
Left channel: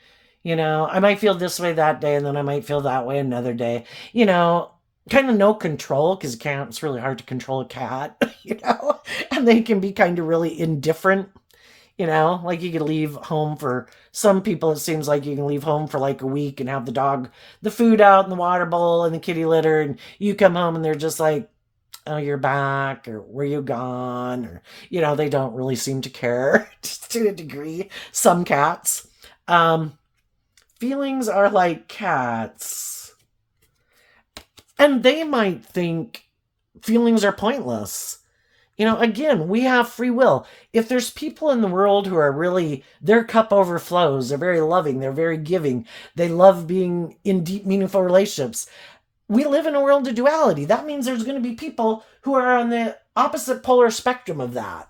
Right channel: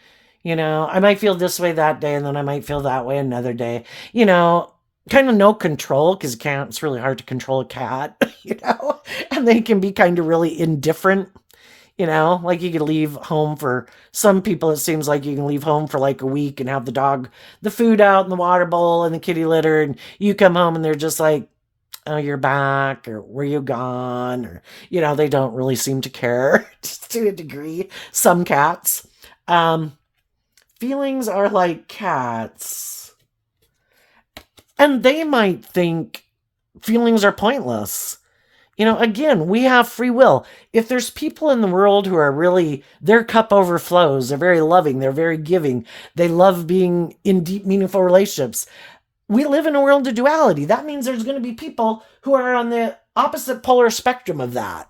I might feel this way that day and then I might feel that way another day. Kind of no control, because it's really hard to control a cat, and they can be kind of really indifferent. Like you could leave home for some people, it seems like you can leave home for like a week and have the food out in the water bowl and the kitty litter, and you come home and they're just like, oh, you're back, or were you gone? Or, they don't really seem to care, just to a degree, some cats. Feelings are like cats. And they might think feelings are pointless. Again, we have free will. If there's people in the world who are really, their cup overflows, they're very loving, they're very giving, they love being in deep, meaningful relationships. We live in a world of duality. That means there's going to be people who are on the opposite polar spectrum of that.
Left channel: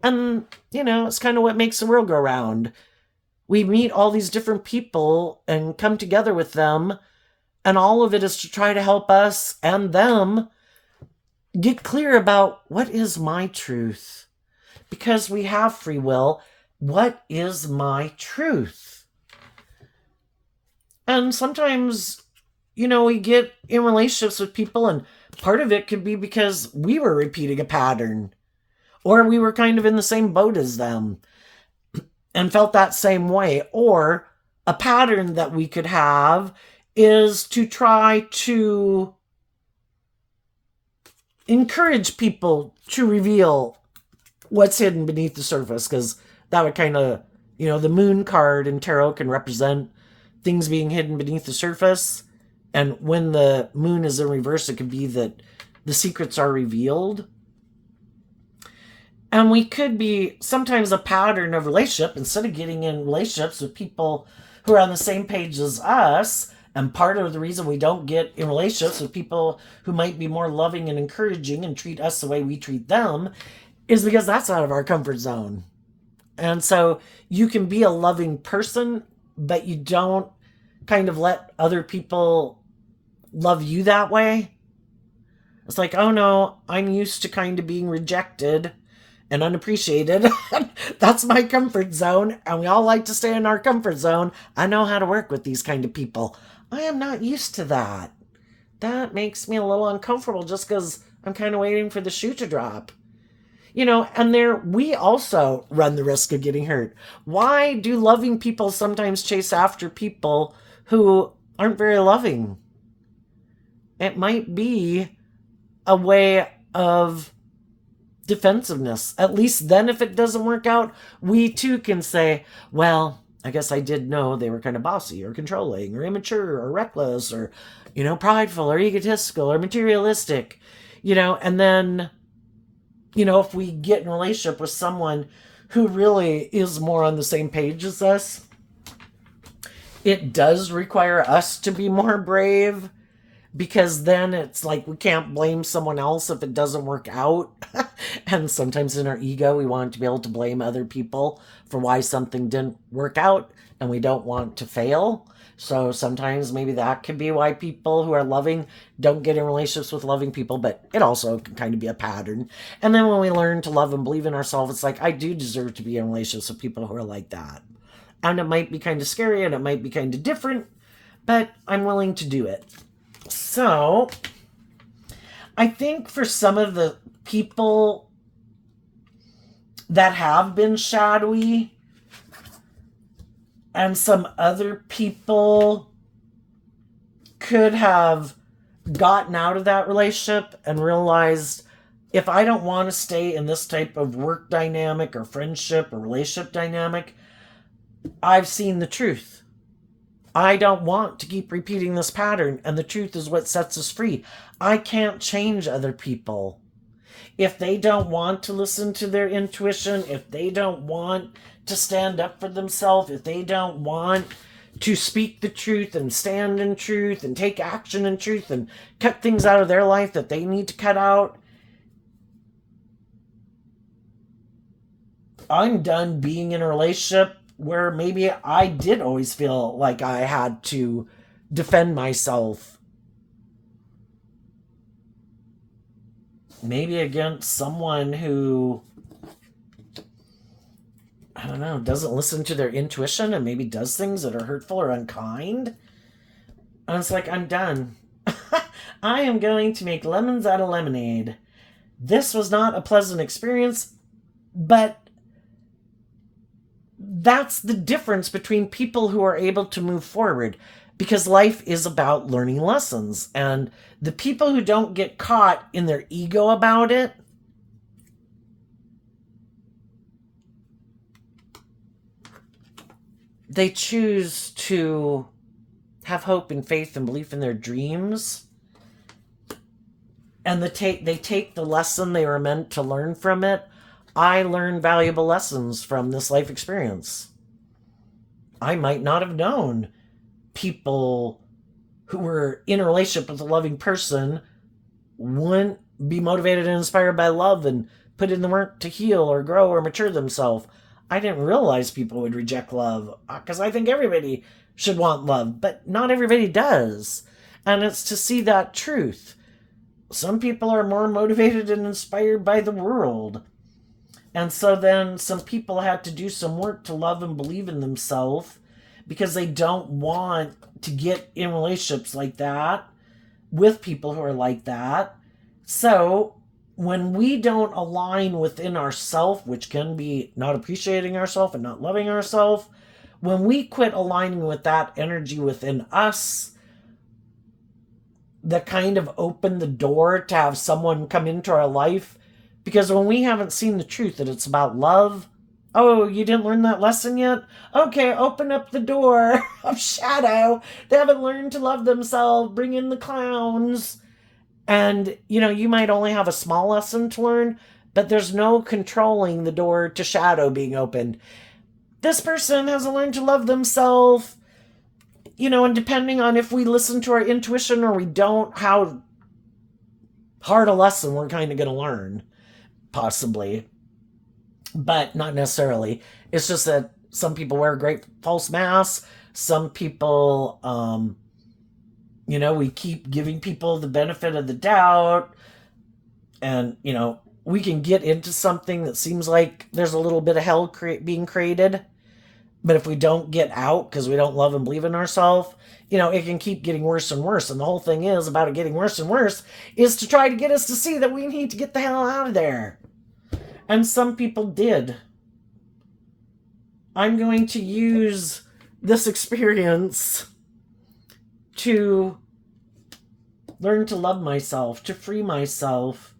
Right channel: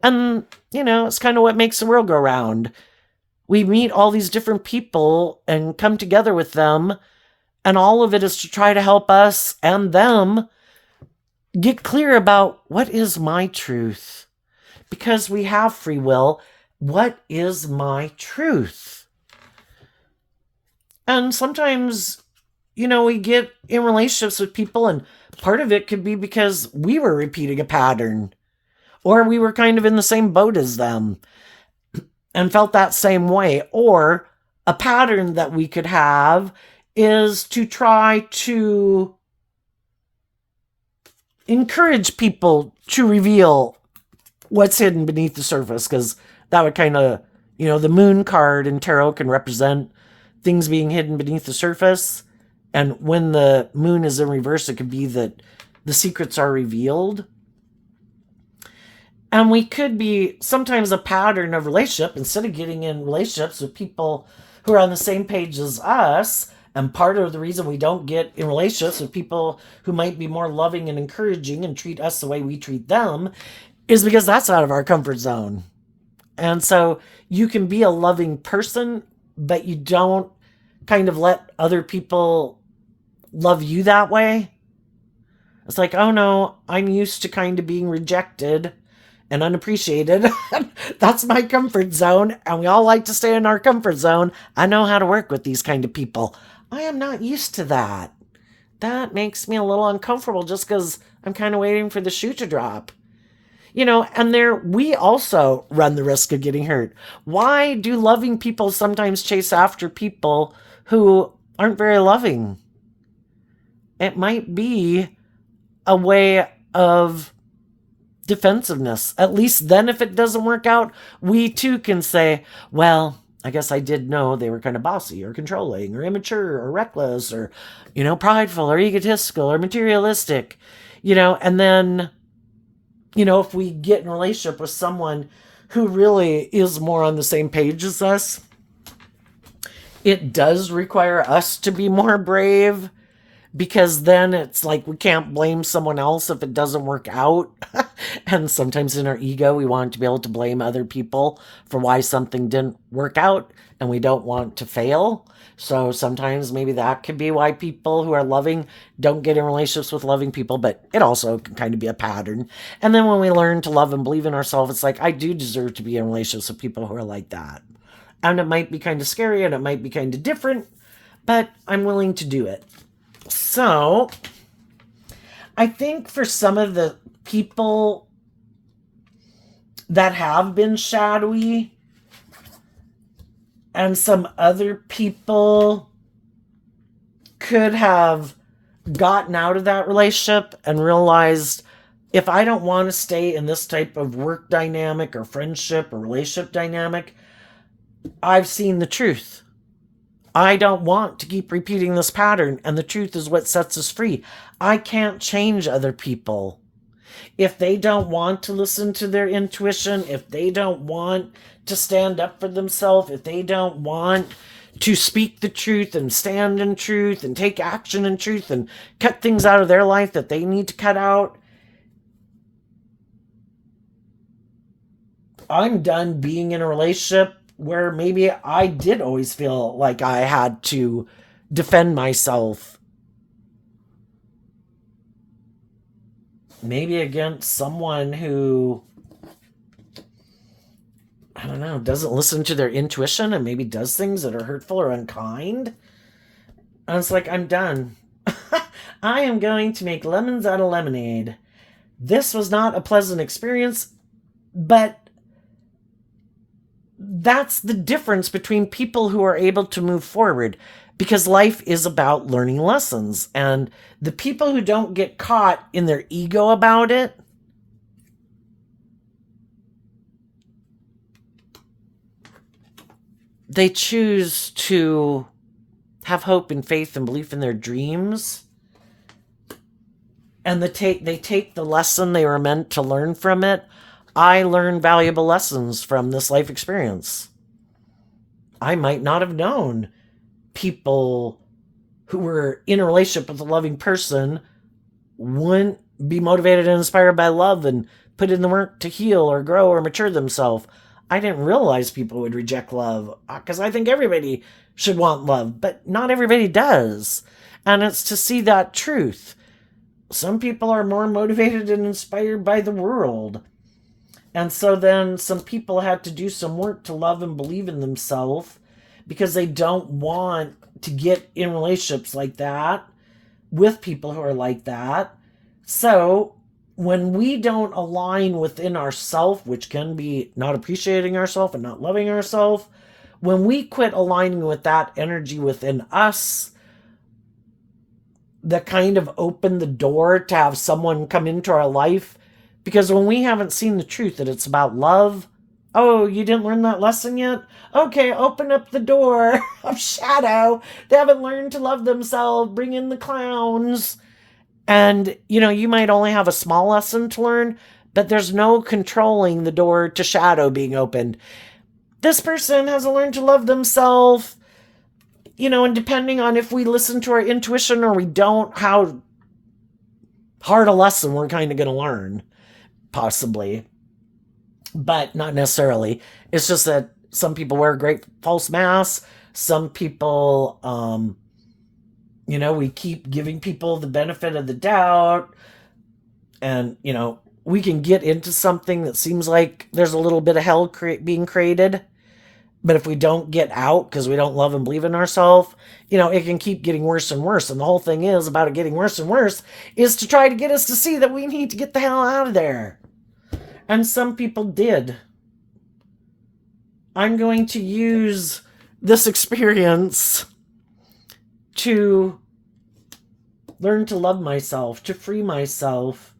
And, it's kind of what makes the world go round. We meet all these different people and come together with them, and all of it is to try to help us and them get clear about what is my truth. Because we have free will, what is my truth? And sometimes, we get in relationships with people, and part of it could be because we were repeating a pattern, or we were kind of in the same boat as them and felt that same way, or a pattern that we could have is to try to encourage people to reveal what's hidden beneath the surface, because that would kind of, the moon card in tarot can represent things being hidden beneath the surface. And when the moon is in reverse, it could be that the secrets are revealed. And we could be sometimes a pattern of relationship, instead of getting in relationships with people who are on the same page as us. And part of the reason we don't get in relationships with people who might be more loving and encouraging and treat us the way we treat them is because that's out of our comfort zone. And so you can be a loving person, but you don't kind of let other people love you that way. It's like, oh no, I'm used to kind of being rejected and unappreciated. That's my comfort zone, and we all like to stay in our comfort zone. I know how to work with these kind of people. I am not used to that. That makes me a little uncomfortable just because I'm kind of waiting for the shoe to drop. And there we also run the risk of getting hurt. Why do loving people sometimes chase after people who aren't very loving? It might be a way of defensiveness. At least then, if it doesn't work out, we too can say, well, I guess I did know they were kind of bossy or controlling or immature or reckless or, prideful or egotistical or materialistic, and then, if we get in a relationship with someone who really is more on the same page as us, it does require us to be more brave, because then it's like we can't blame someone else if it doesn't work out. And sometimes in our ego, we want to be able to blame other people for why something didn't work out, and we don't want to fail. So sometimes maybe that could be why people who are loving don't get in relationships with loving people, but it also can kind of be a pattern. And then when we learn to love and believe in ourselves, it's like, I do deserve to be in relationships with people who are like that. And it might be kind of scary and it might be kind of different, but I'm willing to do it. So I think for some of the people that have been shadowy, and some other people could have gotten out of that relationship and realized, if I don't want to stay in this type of work dynamic or friendship or relationship dynamic, I've seen the truth. I don't want to keep repeating this pattern, and the truth is what sets us free. I can't change other people. If they don't want to listen to their intuition, if they don't want to stand up for themselves, if they don't want to speak the truth and stand in truth and take action in truth and cut things out of their life that they need to cut out, I'm done being in a relationship where maybe I did always feel like I had to defend myself. Maybe against someone who, I don't know, doesn't listen to their intuition and maybe does things that are hurtful or unkind. And it's like, I'm done. I am going to make lemons out of lemonade. This was not a pleasant experience, but that's the difference between people who are able to move forward, because life is about learning lessons. And the people who don't get caught in their ego about it, they choose to have hope and faith and belief in their dreams. And they take the lesson they were meant to learn from it. I learned valuable lessons from this life experience. I might not have known people who were in a relationship with a loving person wouldn't be motivated and inspired by love and put in the work to heal or grow or mature themselves. I didn't realize people would reject love, because I think everybody should want love, but not everybody does. And it's to see that truth. Some people are more motivated and inspired by the world. And so then some people had to do some work to love and believe in themselves, because they don't want to get in relationships like that with people who are like that. So when we don't align within ourselves, which can be not appreciating ourselves and not loving ourselves, when we quit aligning with that energy within us, that kind of opened the door to have someone come into our life. Because when we haven't seen the truth that it's about love, oh, you didn't learn that lesson yet? Okay, open up the door of shadow. They haven't learned to love themselves. Bring in the clowns. And, you might only have a small lesson to learn, but there's no controlling the door to shadow being opened. This person hasn't learned to love themselves. And depending on if we listen to our intuition or we don't, how hard a lesson we're kind of going to learn, possibly. But not necessarily. It's just that some people wear great false masks. Some people, we keep giving people the benefit of the doubt. And, we can get into something that seems like there's a little bit of hell being created. But if we don't get out because we don't love and believe in ourselves, it can keep getting worse and worse. And the whole thing is about it getting worse and worse is to try to get us to see that we need to get the hell out of there. And some people did. I'm going to use this experience to learn to love myself, to free myself,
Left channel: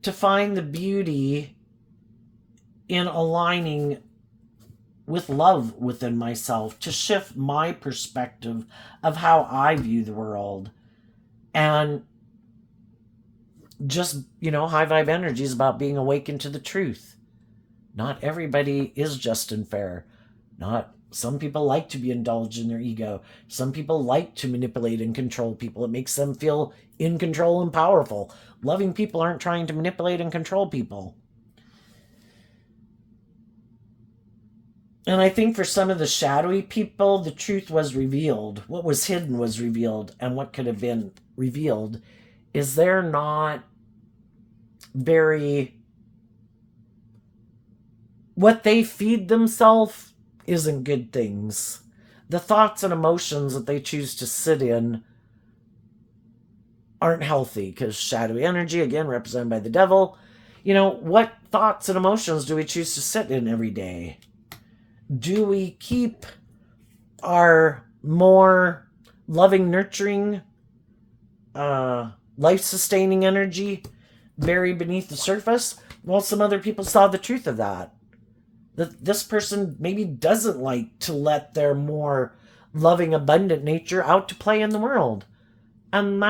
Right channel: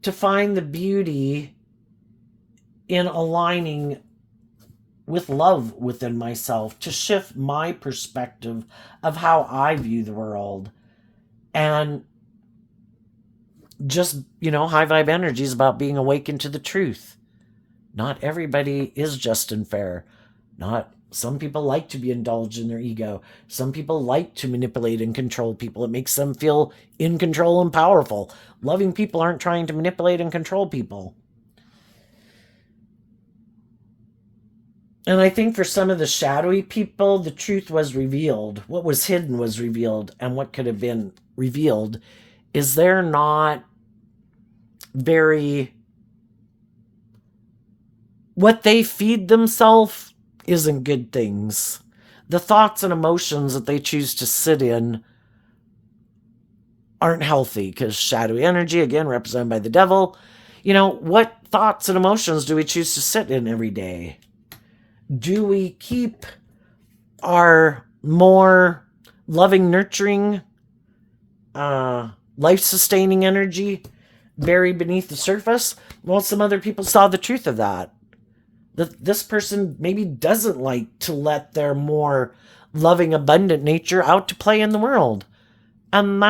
to find the beauty in aligning with love within myself, to shift my perspective of how I view the world. And just, high vibe energy is about being awakened to the truth. Not everybody is just and fair. Some people like to be indulged in their ego. Some people like to manipulate and control people. It makes them feel in control and powerful. Loving people aren't trying to manipulate and control people. And I think for some of the shadowy people, the truth was revealed. What was hidden was revealed. And what could have been revealed is they're not very... What they feed themselves isn't good things. The thoughts and emotions that they choose to sit in aren't healthy, because shadowy energy, again, represented by the devil, what thoughts and emotions do we choose to sit in every day? Do we keep our more loving, nurturing, life-sustaining energy buried beneath the surface? Well, some other people saw the truth of that. That this person maybe doesn't like to let their more loving, abundant nature out to play in the world. And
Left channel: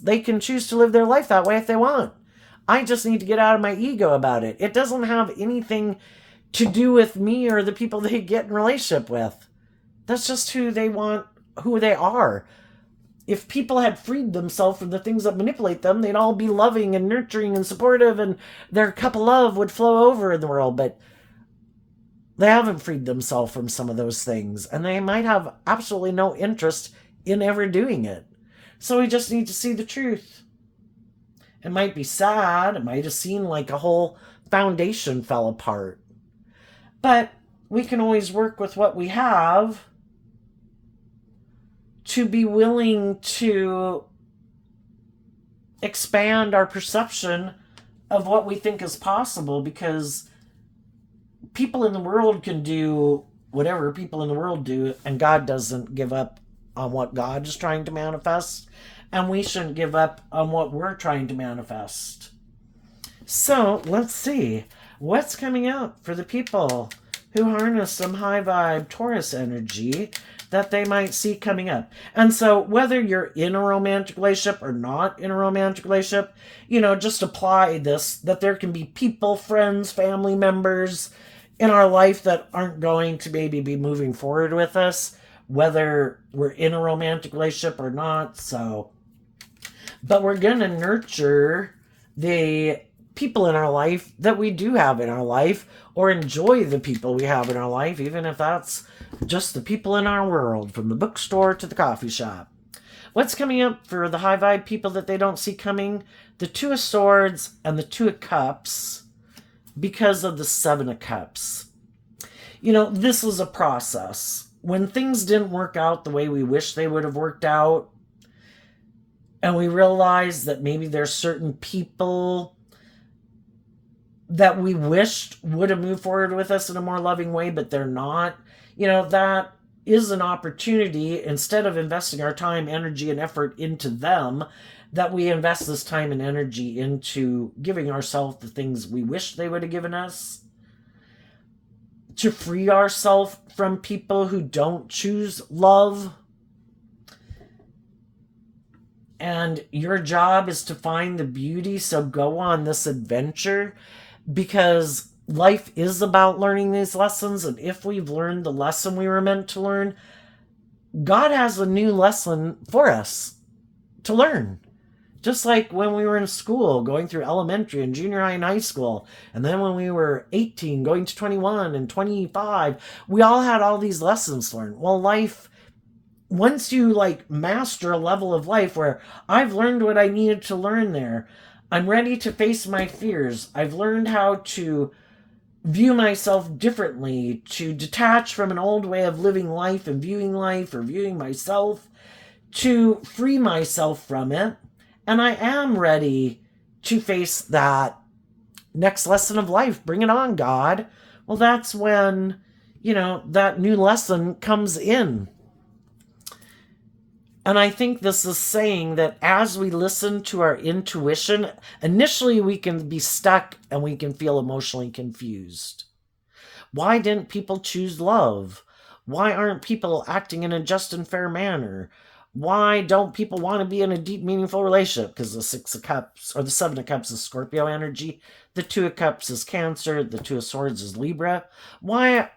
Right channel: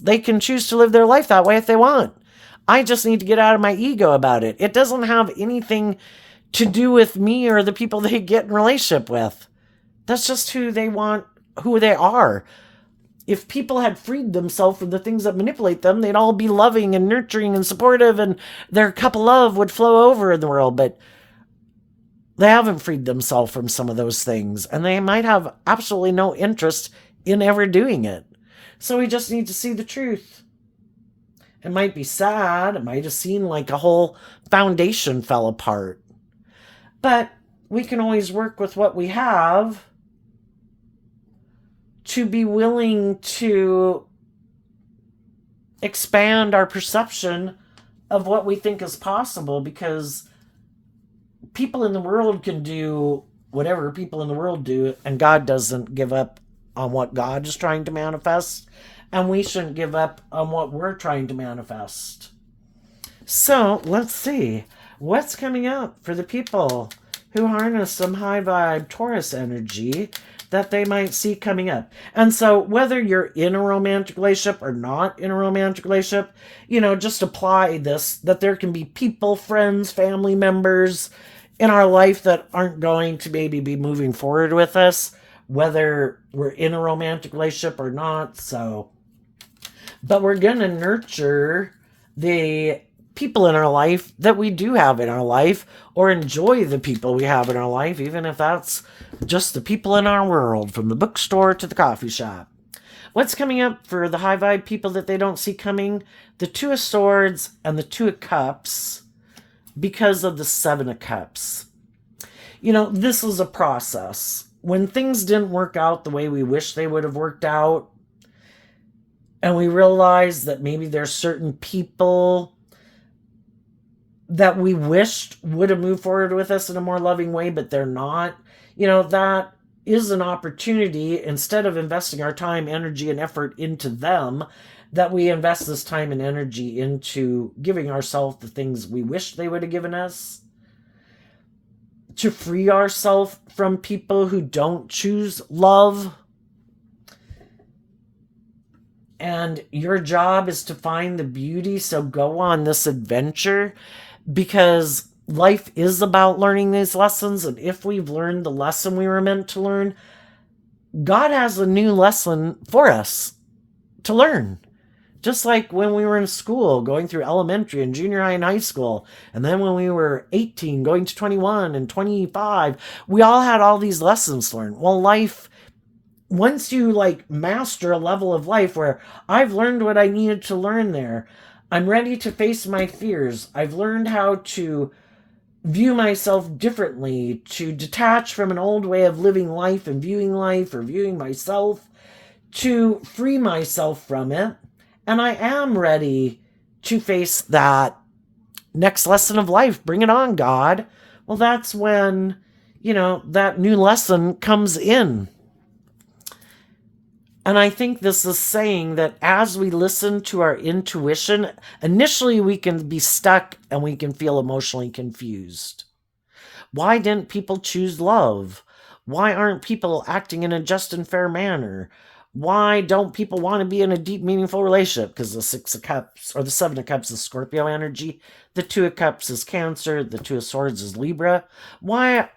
they can choose to live their life that way if they want. I just need to get out of my ego about it. It doesn't have anything to do with me or the people they get in relationship with. That's just who they want, who they are. If people had freed themselves from the things that manipulate them, they'd all be loving and nurturing and supportive, and their cup of love would flow over in the world. But they haven't freed themselves from some of those things, and they might have absolutely no interest in ever doing it. So we just need to see the truth. It might be sad. It might have seemed like a whole foundation fell apart. But we can always work with what we have to be willing to expand our perception of what we think is possible, because people in the world can do whatever people in the world do, and God doesn't give up on what God is trying to manifest, and we shouldn't give up on what we're trying to manifest. So let's see what's coming up for the people who harness some high vibe Taurus energy that they might see coming up. And so whether you're in a romantic relationship or not in a romantic relationship, just apply this, that there can be people, friends, family members in our life that aren't going to maybe be moving forward with us, whether we're in a romantic relationship or not. But we're going to nurture the people in our life that we do have in our life, or enjoy the people we have in our life, even if that's just the people in our world, from the bookstore to the coffee shop. What's coming up for the high vibe people that they don't see coming? The Two of Swords and the Two of Cups, because of the Seven of Cups. This was a process. When things didn't work out the way we wish they would have worked out, and we realized that maybe there's certain people that we wished would have moved forward with us in a more loving way, but they're not, that is an opportunity, instead of investing our time, energy, and effort into them, that we invest this time and energy into giving ourselves the things we wish they would have given us, to free ourselves from people who don't choose love. And your job is to find the beauty, so go on this adventure, because life is about learning these lessons. And if we've learned the lesson we were meant to learn, God has a new lesson for us to learn. Just like when we were in school, going through elementary and junior high and high school, and then when we were 18, going to 21 and 25, we all had all these lessons to learn. Well, life, once you like master a level of life where I've learned what I needed to learn there, I'm ready to face my fears. I've learned how to view myself differently, to detach from an old way of living life and viewing life or viewing myself, to free myself from it. And I am ready to face that next lesson of life. Bring it on, God. Well, that's when, that new lesson comes in. And I think this is saying that as we listen to our intuition, initially we can be stuck and we can feel emotionally confused. Why didn't people choose love? Why aren't people acting in a just and fair manner? Why don't people want to be in a deep, meaningful relationship? Because the Six of Cups or the Seven of Cups is Scorpio energy. The Two of Cups is Cancer. The Two of Swords is Libra. Why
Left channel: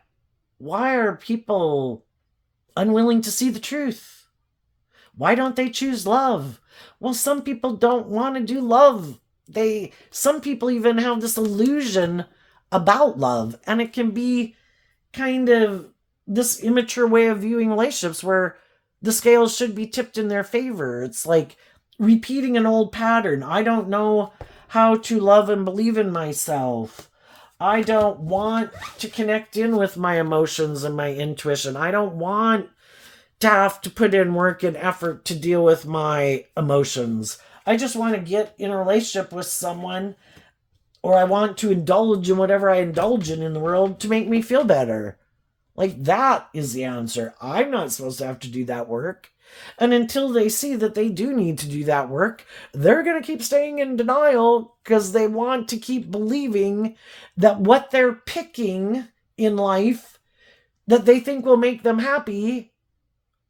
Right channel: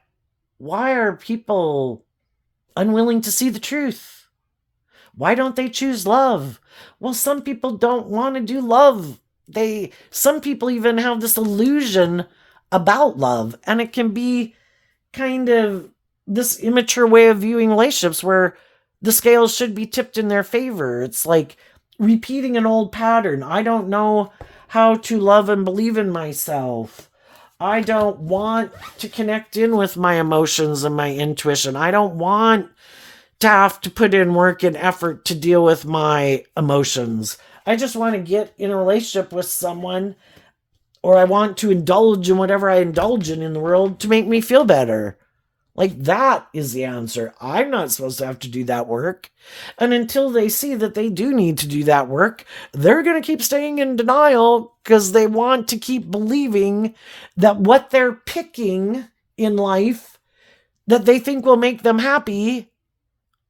are people unwilling to see the truth? Why don't they choose love? Well, some people don't want to do love. Some people even have this illusion about love, and it can be kind of this immature way of viewing relationships where the scales should be tipped in their favor. It's like repeating an old pattern. I don't know how to love and believe in myself. I don't want to connect in with my emotions and my intuition. I don't want to have to put in work and effort to deal with my emotions. I just want to get in a relationship with someone, or I want to indulge in whatever I indulge in the world to make me feel better. Like, that is the answer. I'm not supposed to have to do that work. And until they see that they do need to do that work, they're going to keep staying in denial because they want to keep believing that what they're picking in life that they think will make them happy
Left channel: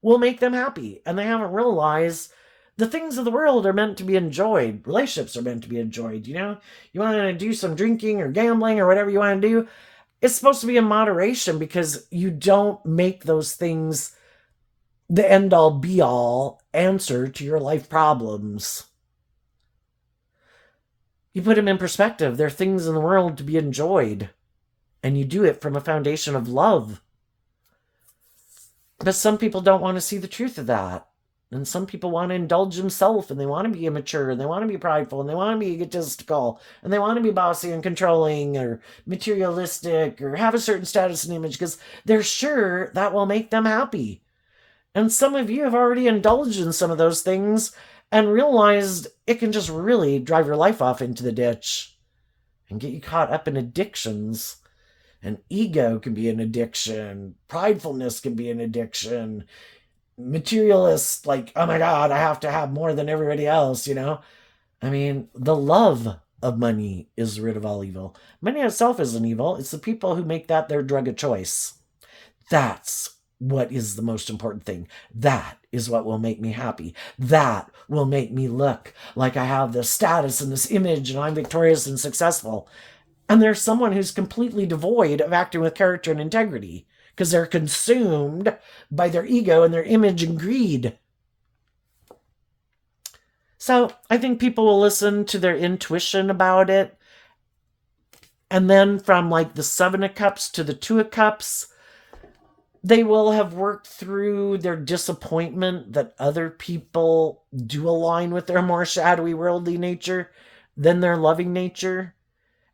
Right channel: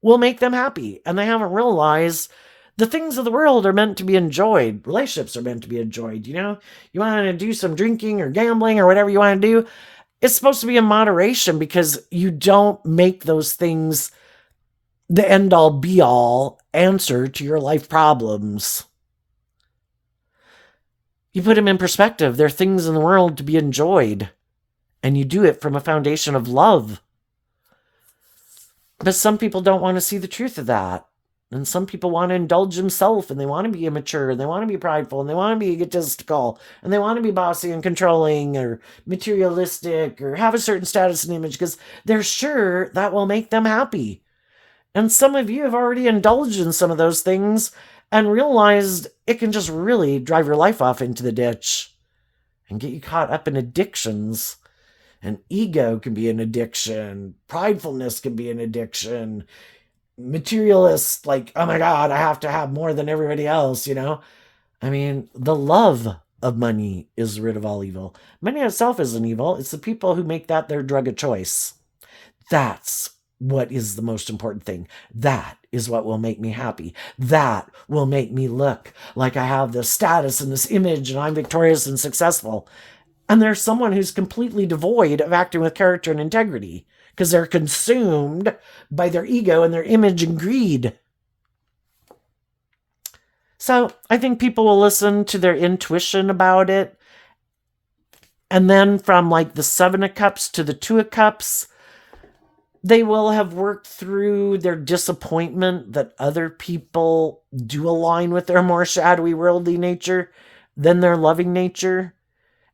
will make them happy. And they haven't realized the things of the world are meant to be enjoyed. Relationships are meant to be enjoyed. You want to do some drinking or gambling or whatever you want to do, it's supposed to be in moderation, because you don't make those things the end-all be-all answer to your life problems. You put them in perspective. They're things in the world to be enjoyed, and you do it from a foundation of love. But some people don't want to see the truth of that. And some people want to indulge themselves, and they want to be immature, and they want to be prideful, and they want to be egotistical, and they want to be bossy and controlling or materialistic or have a certain status and image because they're sure that will make them happy. And some of you have already indulged in some of those things and realized it can just really drive your life off into the ditch and get you caught up in addictions. And ego can be an addiction. Pridefulness can be an addiction. Materialist, like, oh my God, I have to have more than everybody else, I mean, the love of money is the root of all evil. Money itself isn't evil. It's the people who make that their drug of choice. That's what is the most important thing. That is what will make me happy. That will make me look like I have this status and this image and I'm victorious and successful. And there's someone who's completely devoid of acting with character and integrity because they're consumed by their ego and their image and greed. So I think people will listen to their intuition about it. And then from like the Seven of Cups to the Two of Cups, they will have worked through their disappointment that other people do align with their more shadowy, worldly nature than their loving nature.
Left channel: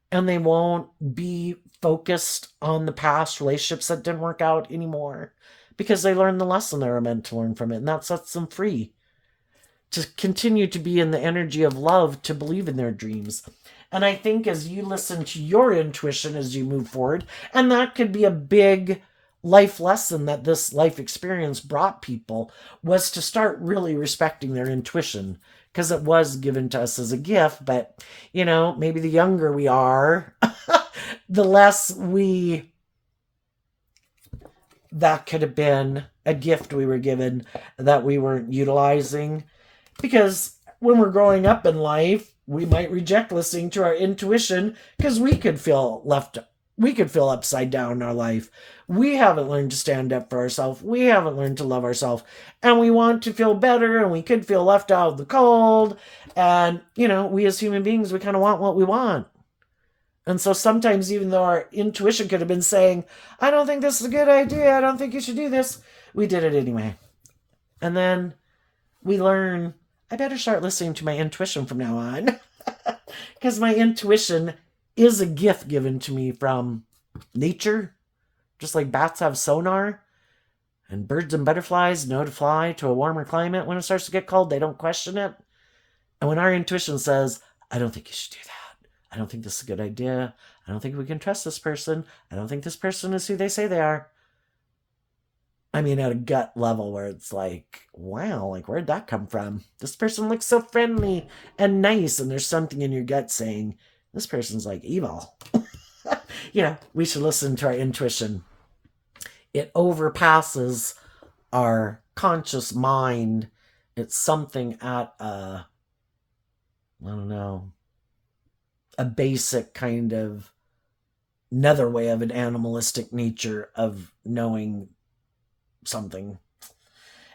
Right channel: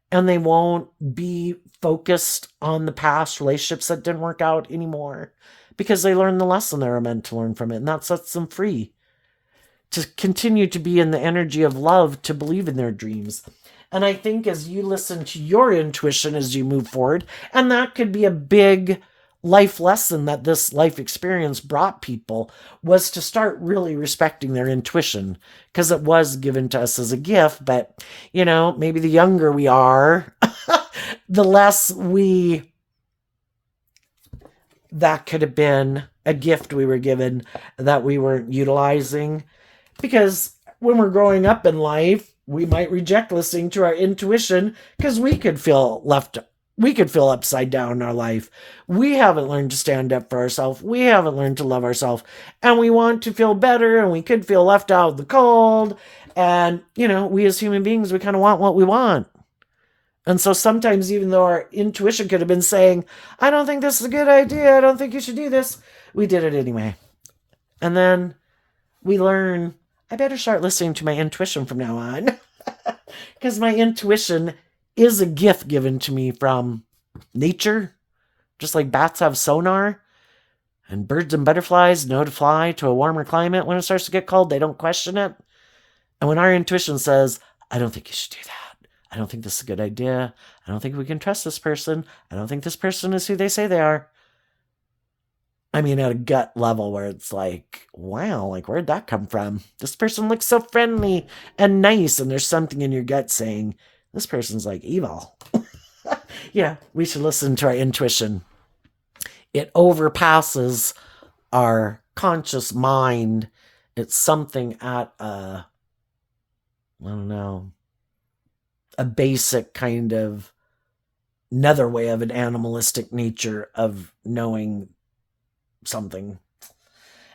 And they won't be focused on the past relationships that didn't work out anymore because they learned the lesson they were meant to learn from it. And that sets them free to continue to be in the energy of love, to believe in their dreams. And I think as you listen to your intuition as you move forward, and that could be a big life lesson that this life experience brought people was to start really respecting their intuition, because it was given to us as a gift. But, maybe the younger we are, the less that could have been a gift we were given that we weren't utilizing. Because when we're growing up in life, we might reject listening to our intuition because we could feel upside down in our life. We haven't learned to stand up for ourselves. We haven't learned to love ourselves. And we want to feel better, and we could feel left out in the cold. And, we as human beings, we kind of want what we want. And so sometimes, even though our intuition could have been saying, I don't think this is a good idea, I don't think you should do this, we did it anyway. And then we learn, I better start listening to my intuition from now on. Because my intuition is a gift given to me from nature. Just like bats have sonar, and birds and butterflies know to fly to a warmer climate when it starts to get cold. They don't question it. And when our intuition says, I don't think you should do that, I don't think this is a good idea, I don't think we can trust this person, I don't think this person is who they say they are. I mean, at a gut level where it's like, wow, like, where'd that come from? This person looks so friendly and nice, and there's something in your gut saying, this person's like evil. Yeah, we should listen to our intuition. It overpasses our conscious mind. It's something at I don't know, a basic kind of another way of an animalistic nature of knowing something.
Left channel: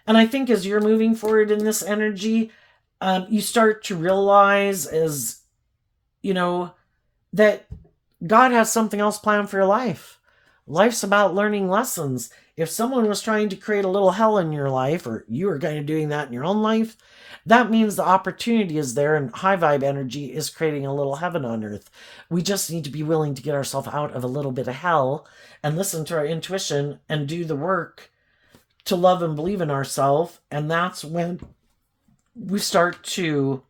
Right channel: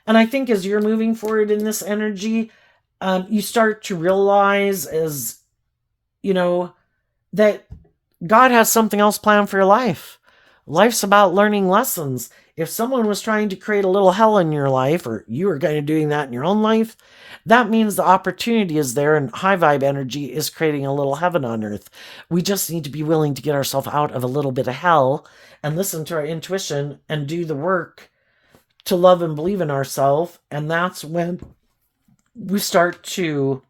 And I think as you're moving forward in this energy, you start to realize, as that God has something else planned for your life. Life's about learning lessons. If someone was trying to create a little hell in your life, or you were kind of doing that in your own life, that means the opportunity is there, and high vibe energy is creating a little heaven on earth. We just need to be willing to get ourselves out of a little bit of hell and listen to our intuition and do the work to love and believe in ourselves. And that's when we start to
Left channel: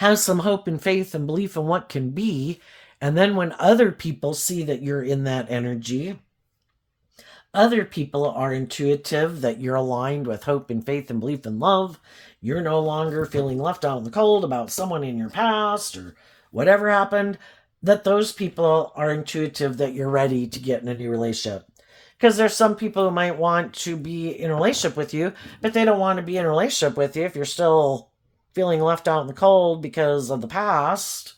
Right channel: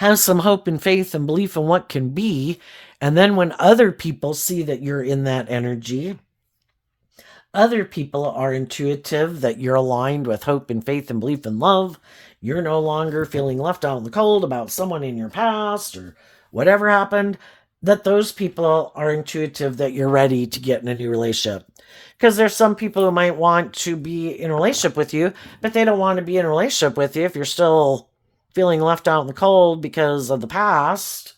have some hope and faith and belief in what can be. And then when other people see that you're in that energy, other people are intuitive that you're aligned with hope and faith and belief and love. You're no longer feeling left out in the cold about someone in your past or whatever happened, that those people are intuitive that you're ready to get in a new relationship. Because there's some people who might want to be in a relationship with you, but they don't want to be in a relationship with you if you're still feeling left out in the cold because of the past.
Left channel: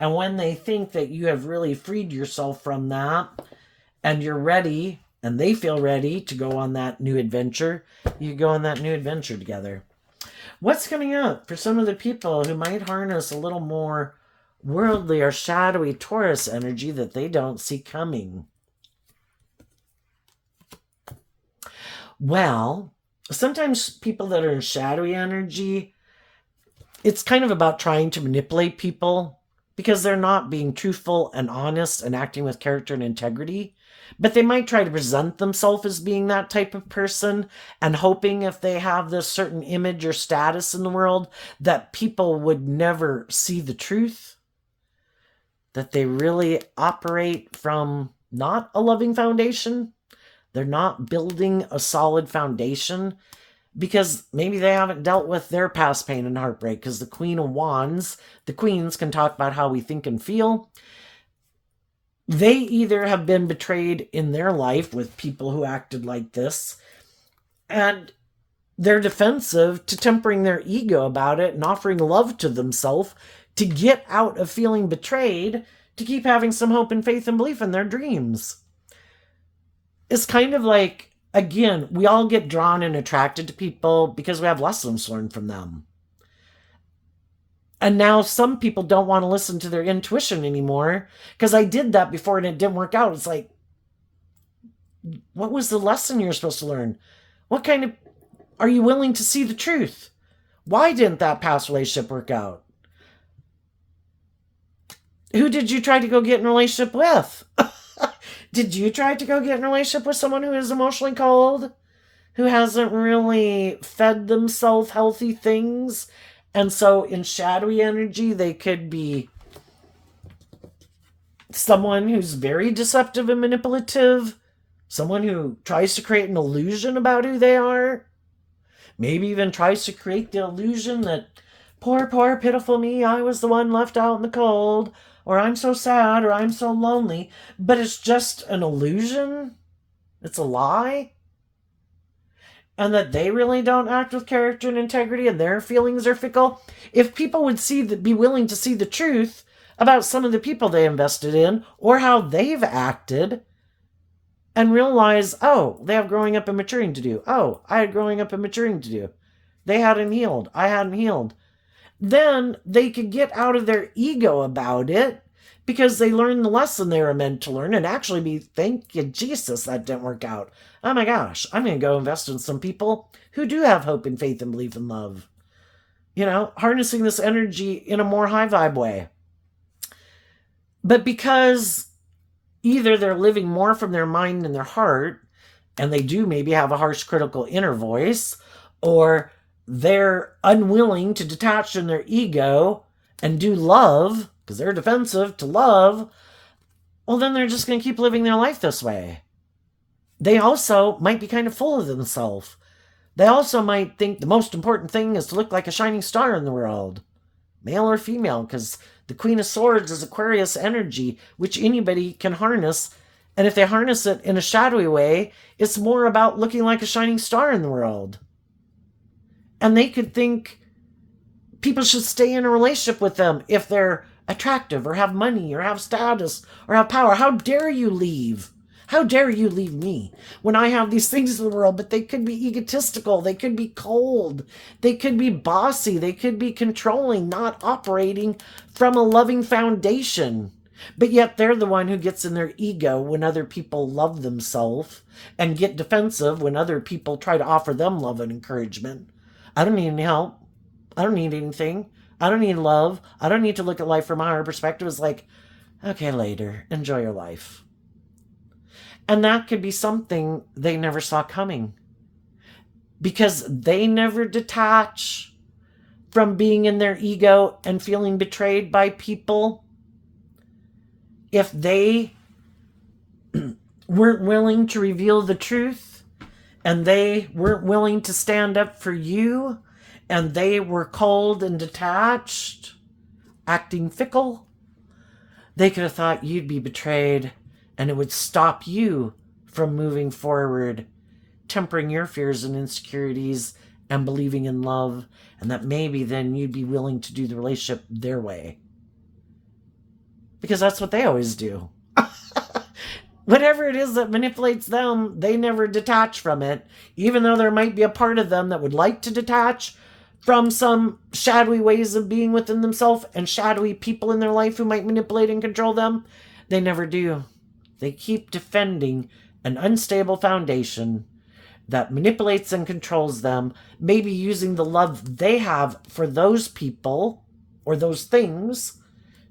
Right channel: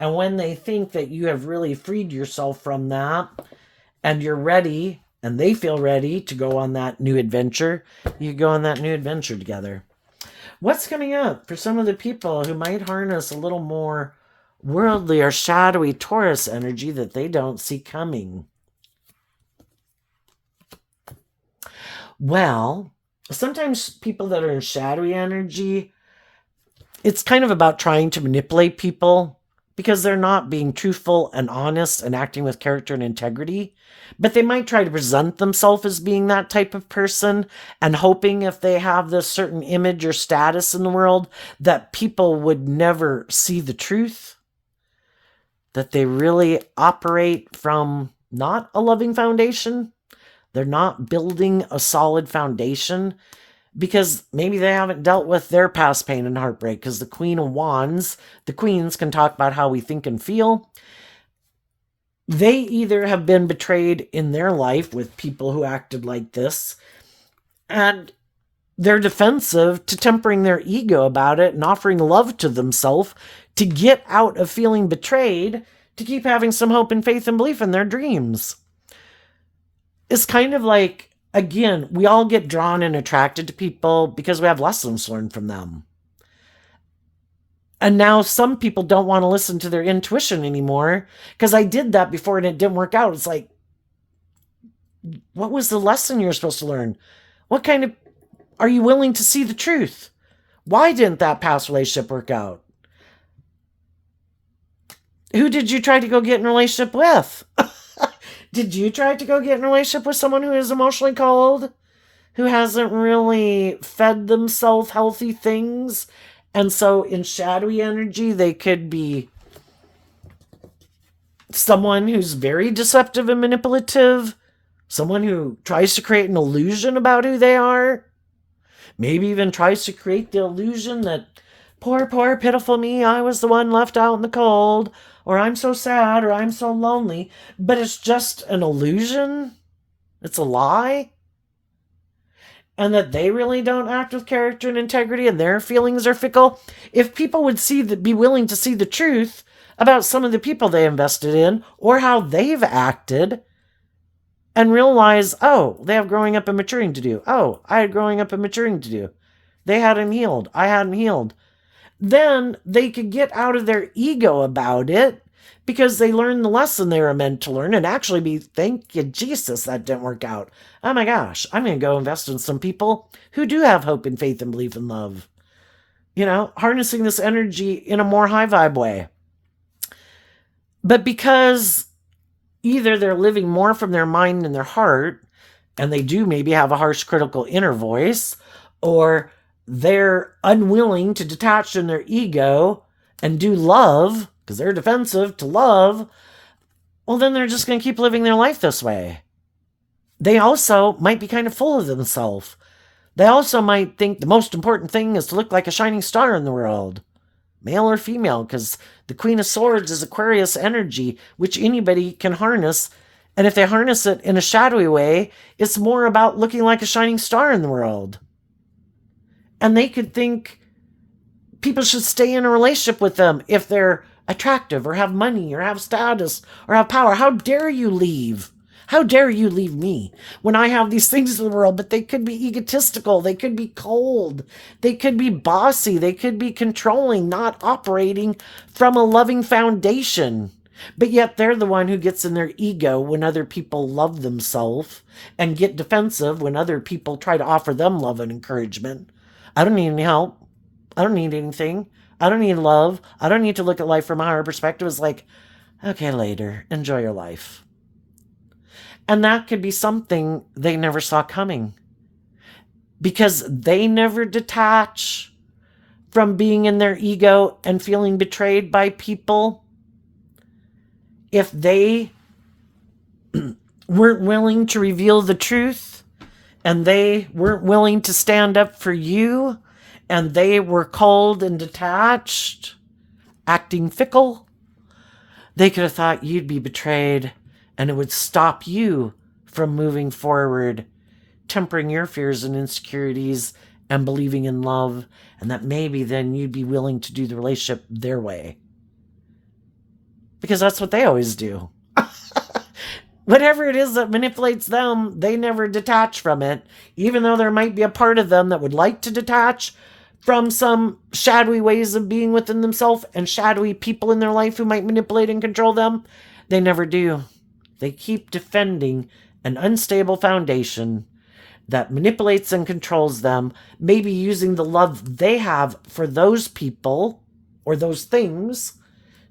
And when they think that you have really freed yourself from that and you're ready, and they feel ready to go on that new adventure, you go on that new adventure together. What's coming up for some of the people who might harness a little more worldly or shadowy Taurus energy that they don't see coming? Well, sometimes people that are in shadowy energy, it's kind of about trying to manipulate people because they're not being truthful and honest and acting with character and integrity. But they might try to present themselves as being that type of person and hoping if they have this certain image or status in the world that people would never see the truth. That they really operate from not a loving foundation. They're not building a solid foundation because maybe they haven't dealt with their past pain and heartbreak. Because the Queen of Wands, the queens can talk about how we think and feel. They either have been betrayed in their life with people who acted like this, and they're defensive to tempering their ego about it and offering love to themselves to get out of feeling betrayed, to keep having some hope and faith and belief in their dreams. It's kind of like, again, we all get drawn and attracted to people because we have lessons learned from them. And now some people don't want to listen to their intuition anymore because I did that before and it didn't work out. It's like, what was the lesson you were supposed to learn? Are you willing to see the truth? Why didn't that past relationship work out? Who did you try to go get in a relationship with? Did you try to go get in a relationship with someone who is emotionally cold? Who hasn't really fed themselves healthy things? And so in shadowy energy, they could be someone who's very deceptive and manipulative, Someone who tries to create an illusion about who they are. Maybe even tries to create the illusion that, poor, pitiful me, I was the one left out in the cold, or I'm so sad, or I'm so lonely. But it's just an illusion. It's a lie. And that they really don't act with character and integrity and their feelings are fickle. If people would be willing to see the truth about some of the people they invested in or how they've acted and realize, oh, they have growing up and maturing to do. Oh, I had growing up and maturing to do. They hadn't healed. I hadn't healed. Then they could get out of their ego about it because they learned the lesson they were meant to learn and actually be, thank you, Jesus, that didn't work out. Oh my gosh, I'm going to go invest in some people who do have hope and faith and belief and love. Harnessing this energy in a more high vibe way. But because either they're living more from their mind and their heart, and they do maybe have a harsh, critical inner voice, or they're unwilling to detach from their ego and do love, because they're defensive to love, well, then they're just going to keep living their life this way. They also might be kind of full of themselves. They also might think the most important thing is to look like a shining star in the world, male or female, because the Queen of Swords is Aquarius energy, which anybody can harness. And if they harness it in a shadowy way, it's more about looking like a shining star in the world. And they could think people should stay in a relationship with them if they're attractive or have money or have status or have power. How dare you leave? How dare you leave me when I have these things in the world? But they could be egotistical. They could be cold. They could be bossy. They could be controlling, not operating from a loving foundation. But yet they're the one who gets in their ego when other people love themselves and get defensive when other people try to offer them love and encouragement. I don't need any help. I don't need anything. I don't need love. I don't need to look at life from a higher perspective. It's like, okay, later. Enjoy your life. And that could be something they never saw coming. Because they never detach from being in their ego and feeling betrayed by people. If they weren't willing to reveal the truth, and they weren't willing to stand up for you, and they were cold and detached, acting fickle, they could have thought you'd be betrayed, and it would stop you from moving forward, tempering your fears and insecurities and believing in love, and that maybe then you'd be willing to do the relationship their way. Because that's what they always do. Whatever it is that manipulates them, they never detach from it, even though there might be a part of them that would like to detach from some shadowy ways of being within themselves and shadowy people in their life who might manipulate and control them. They never do. They keep defending an unstable foundation that manipulates and controls them, maybe using the love they have for those people or those things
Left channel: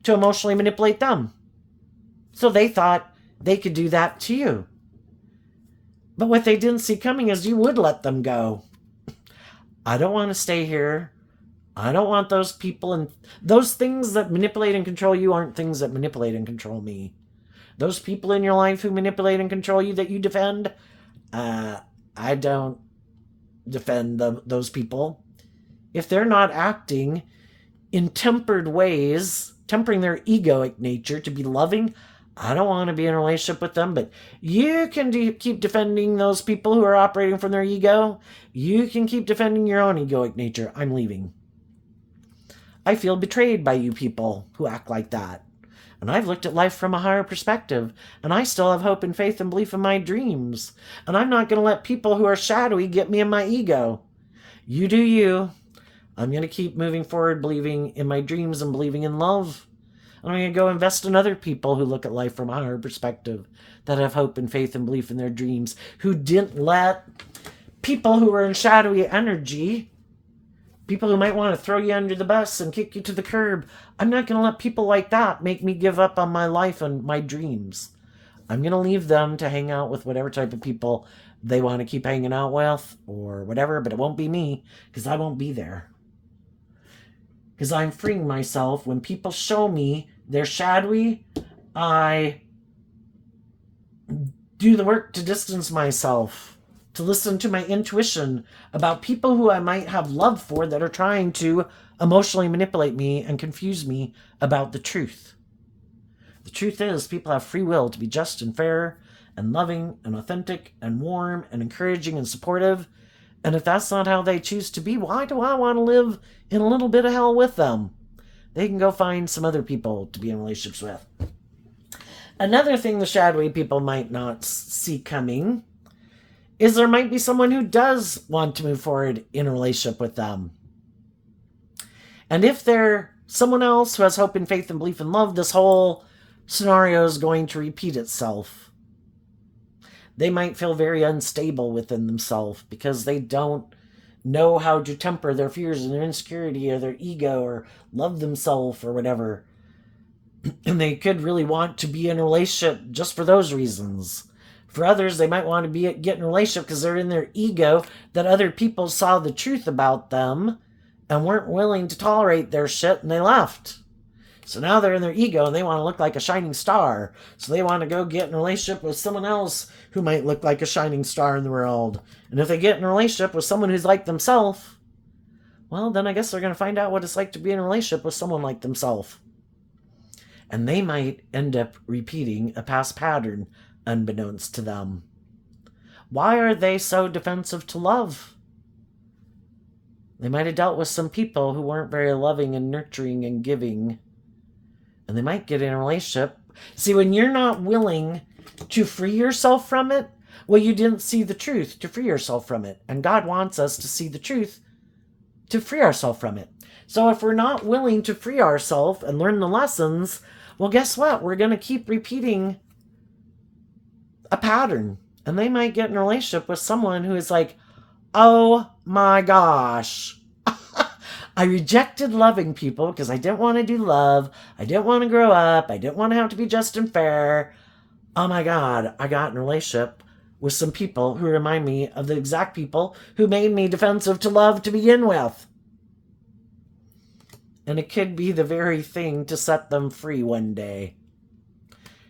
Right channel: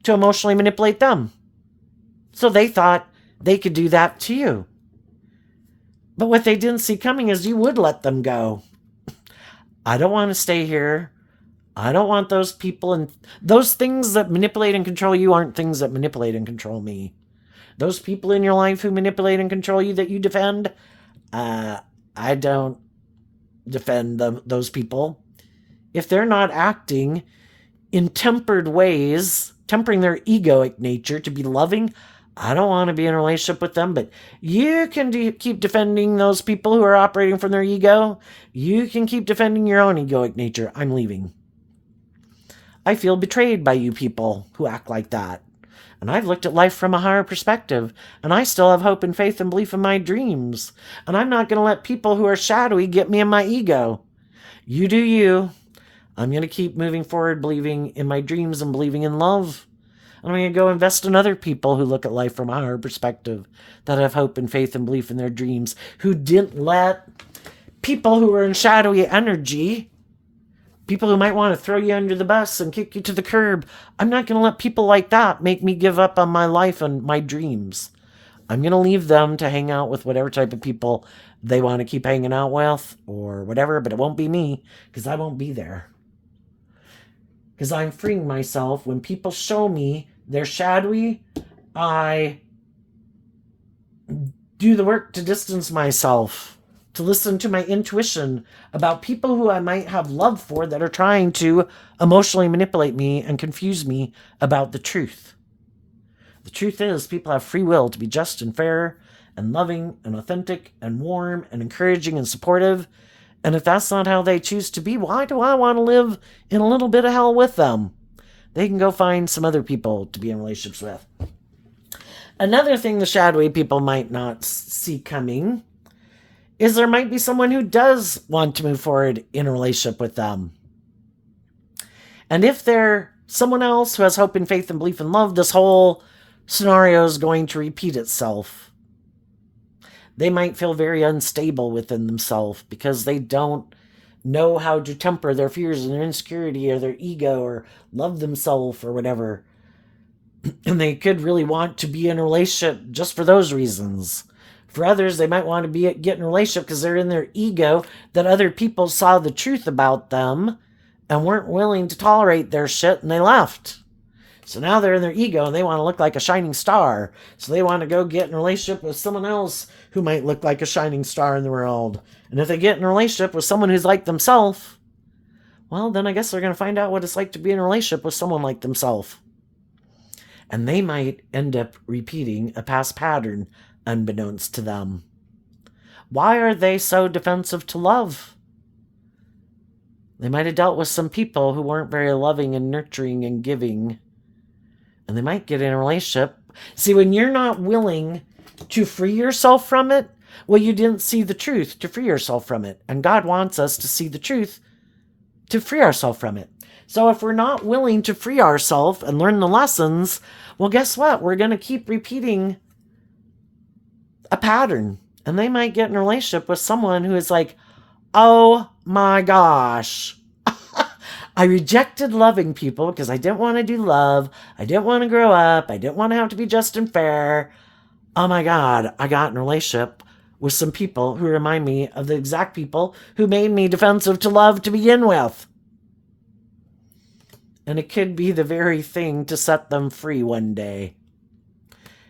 to emotionally manipulate them. So they thought they could do that to you. But what they didn't see coming is you would let them go. I don't want to stay here. I don't want those people, and those things that manipulate and control you aren't things that manipulate and control me. Those people in your life who manipulate and control you that you defend, I don't defend those people. If they're not acting in tempered ways, tempering their egoic nature to be loving, I don't want to be in a relationship with them. But you can keep defending those people who are operating from their ego. You can keep defending your own egoic nature. I'm leaving. I feel betrayed by you people who act like that. And I've looked at life from a higher perspective, and I still have hope and faith and belief in my dreams. And I'm not going to let people who are shadowy get me in my ego. You do you. I'm going to keep moving forward, believing in my dreams and believing in love. And I'm going to go invest in other people who look at life from a higher perspective, that have hope and faith and belief in their dreams, who didn't let people who are in shadowy energy, people who might want to throw you under the bus and kick you to the curb. I'm not going to let people like that make me give up on my life and my dreams. I'm going to leave them to hang out with whatever type of people they want to keep hanging out with or whatever, but it won't be me, because I won't be there. Because I'm freeing myself. When people show me they're shadowy, I do the work to distance myself, to listen to my intuition about people who I might have love for that are trying to emotionally manipulate me and confuse me about the truth. The truth is, people have free will to be just and fair and loving and authentic and warm and encouraging and supportive. And if that's not how they choose to be, why do I want to live in a little bit of hell with them? They can go find some other people to be in relationships with. Another thing the shadowy people might not see coming is there might be someone who does want to move forward in a relationship with them. And if they're someone else who has hope and faith and belief and love, this whole scenario is going to repeat itself. They might feel very unstable within themselves because they don't know how to temper their fears and their insecurity or their ego or love themselves or whatever. And they could really want to be in a relationship just for those reasons. For others, they might want to get in a relationship because they're in their ego that other people saw the truth about them and weren't willing to tolerate their shit and they left. So now they're in their ego and they want to look like a shining star. So they want to go get in a relationship with someone else who might look like a shining star in the world. And if they get in a relationship with someone who's like themselves, well, then I guess they're going to find out what it's like to be in a relationship with someone like themselves. And they might end up repeating a past pattern unbeknownst to them. Why are they so defensive to love? They might have dealt with some people who weren't very loving and nurturing and giving. And they might get in a relationship. See, when you're not willing to free yourself from it, well, you didn't see the truth to free yourself from it. And God wants us to see the truth to free ourselves from it. So if we're not willing to free ourselves and learn the lessons, well, guess what? We're going to keep repeating a pattern. And they might get in a relationship with someone who is like, oh my gosh, I rejected loving people because I didn't want to do love. I didn't want to grow up. I didn't want to have to be just and fair. Oh my God, I got in a relationship with some people who remind me of the exact people who made me defensive to love to begin with. And it could be the very thing to set them free one day.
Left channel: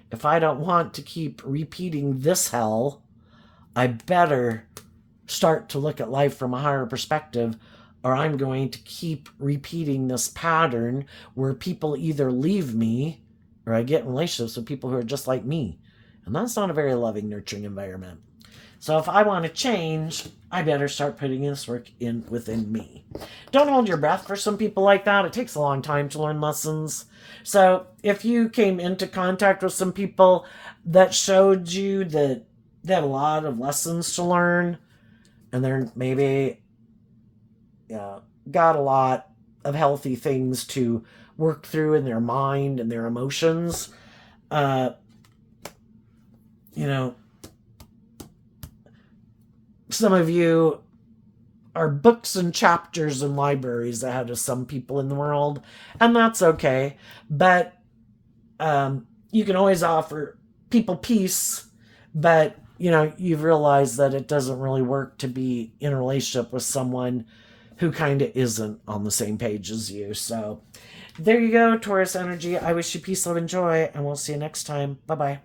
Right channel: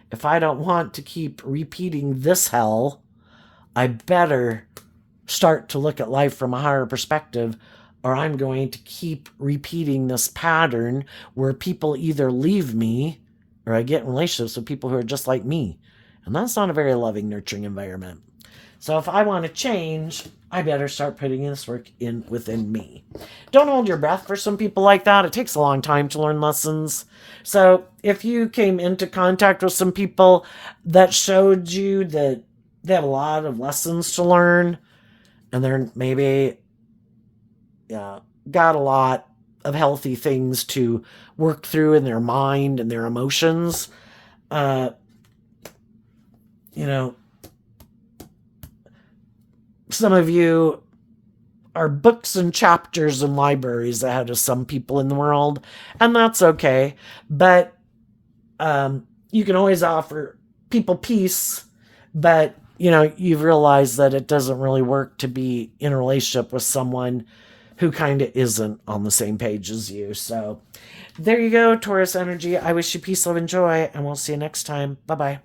If I don't want to keep repeating this hell, I better start to look at life from a higher perspective, or I'm going to keep repeating this pattern where people either leave me or I get in relationships with people who are just like me. And that's not a very loving, nurturing environment. So if I want to change, I better start putting this work in within me. Don't hold your breath for some people like that. It takes a long time to learn lessons. So if you came into contact with some people that showed you that they have a lot of lessons to learn, and they're maybe got a lot of healthy things to work through in their mind and their emotions, some of you are books and chapters and libraries ahead of some people in the world, and that's okay. But you can always offer people peace, but you've realized that it doesn't really work to be in a relationship with someone who kind of isn't on the same page as you. So there you go, Taurus energy. I wish you peace, love, and joy, and we'll see you next time. Bye-bye.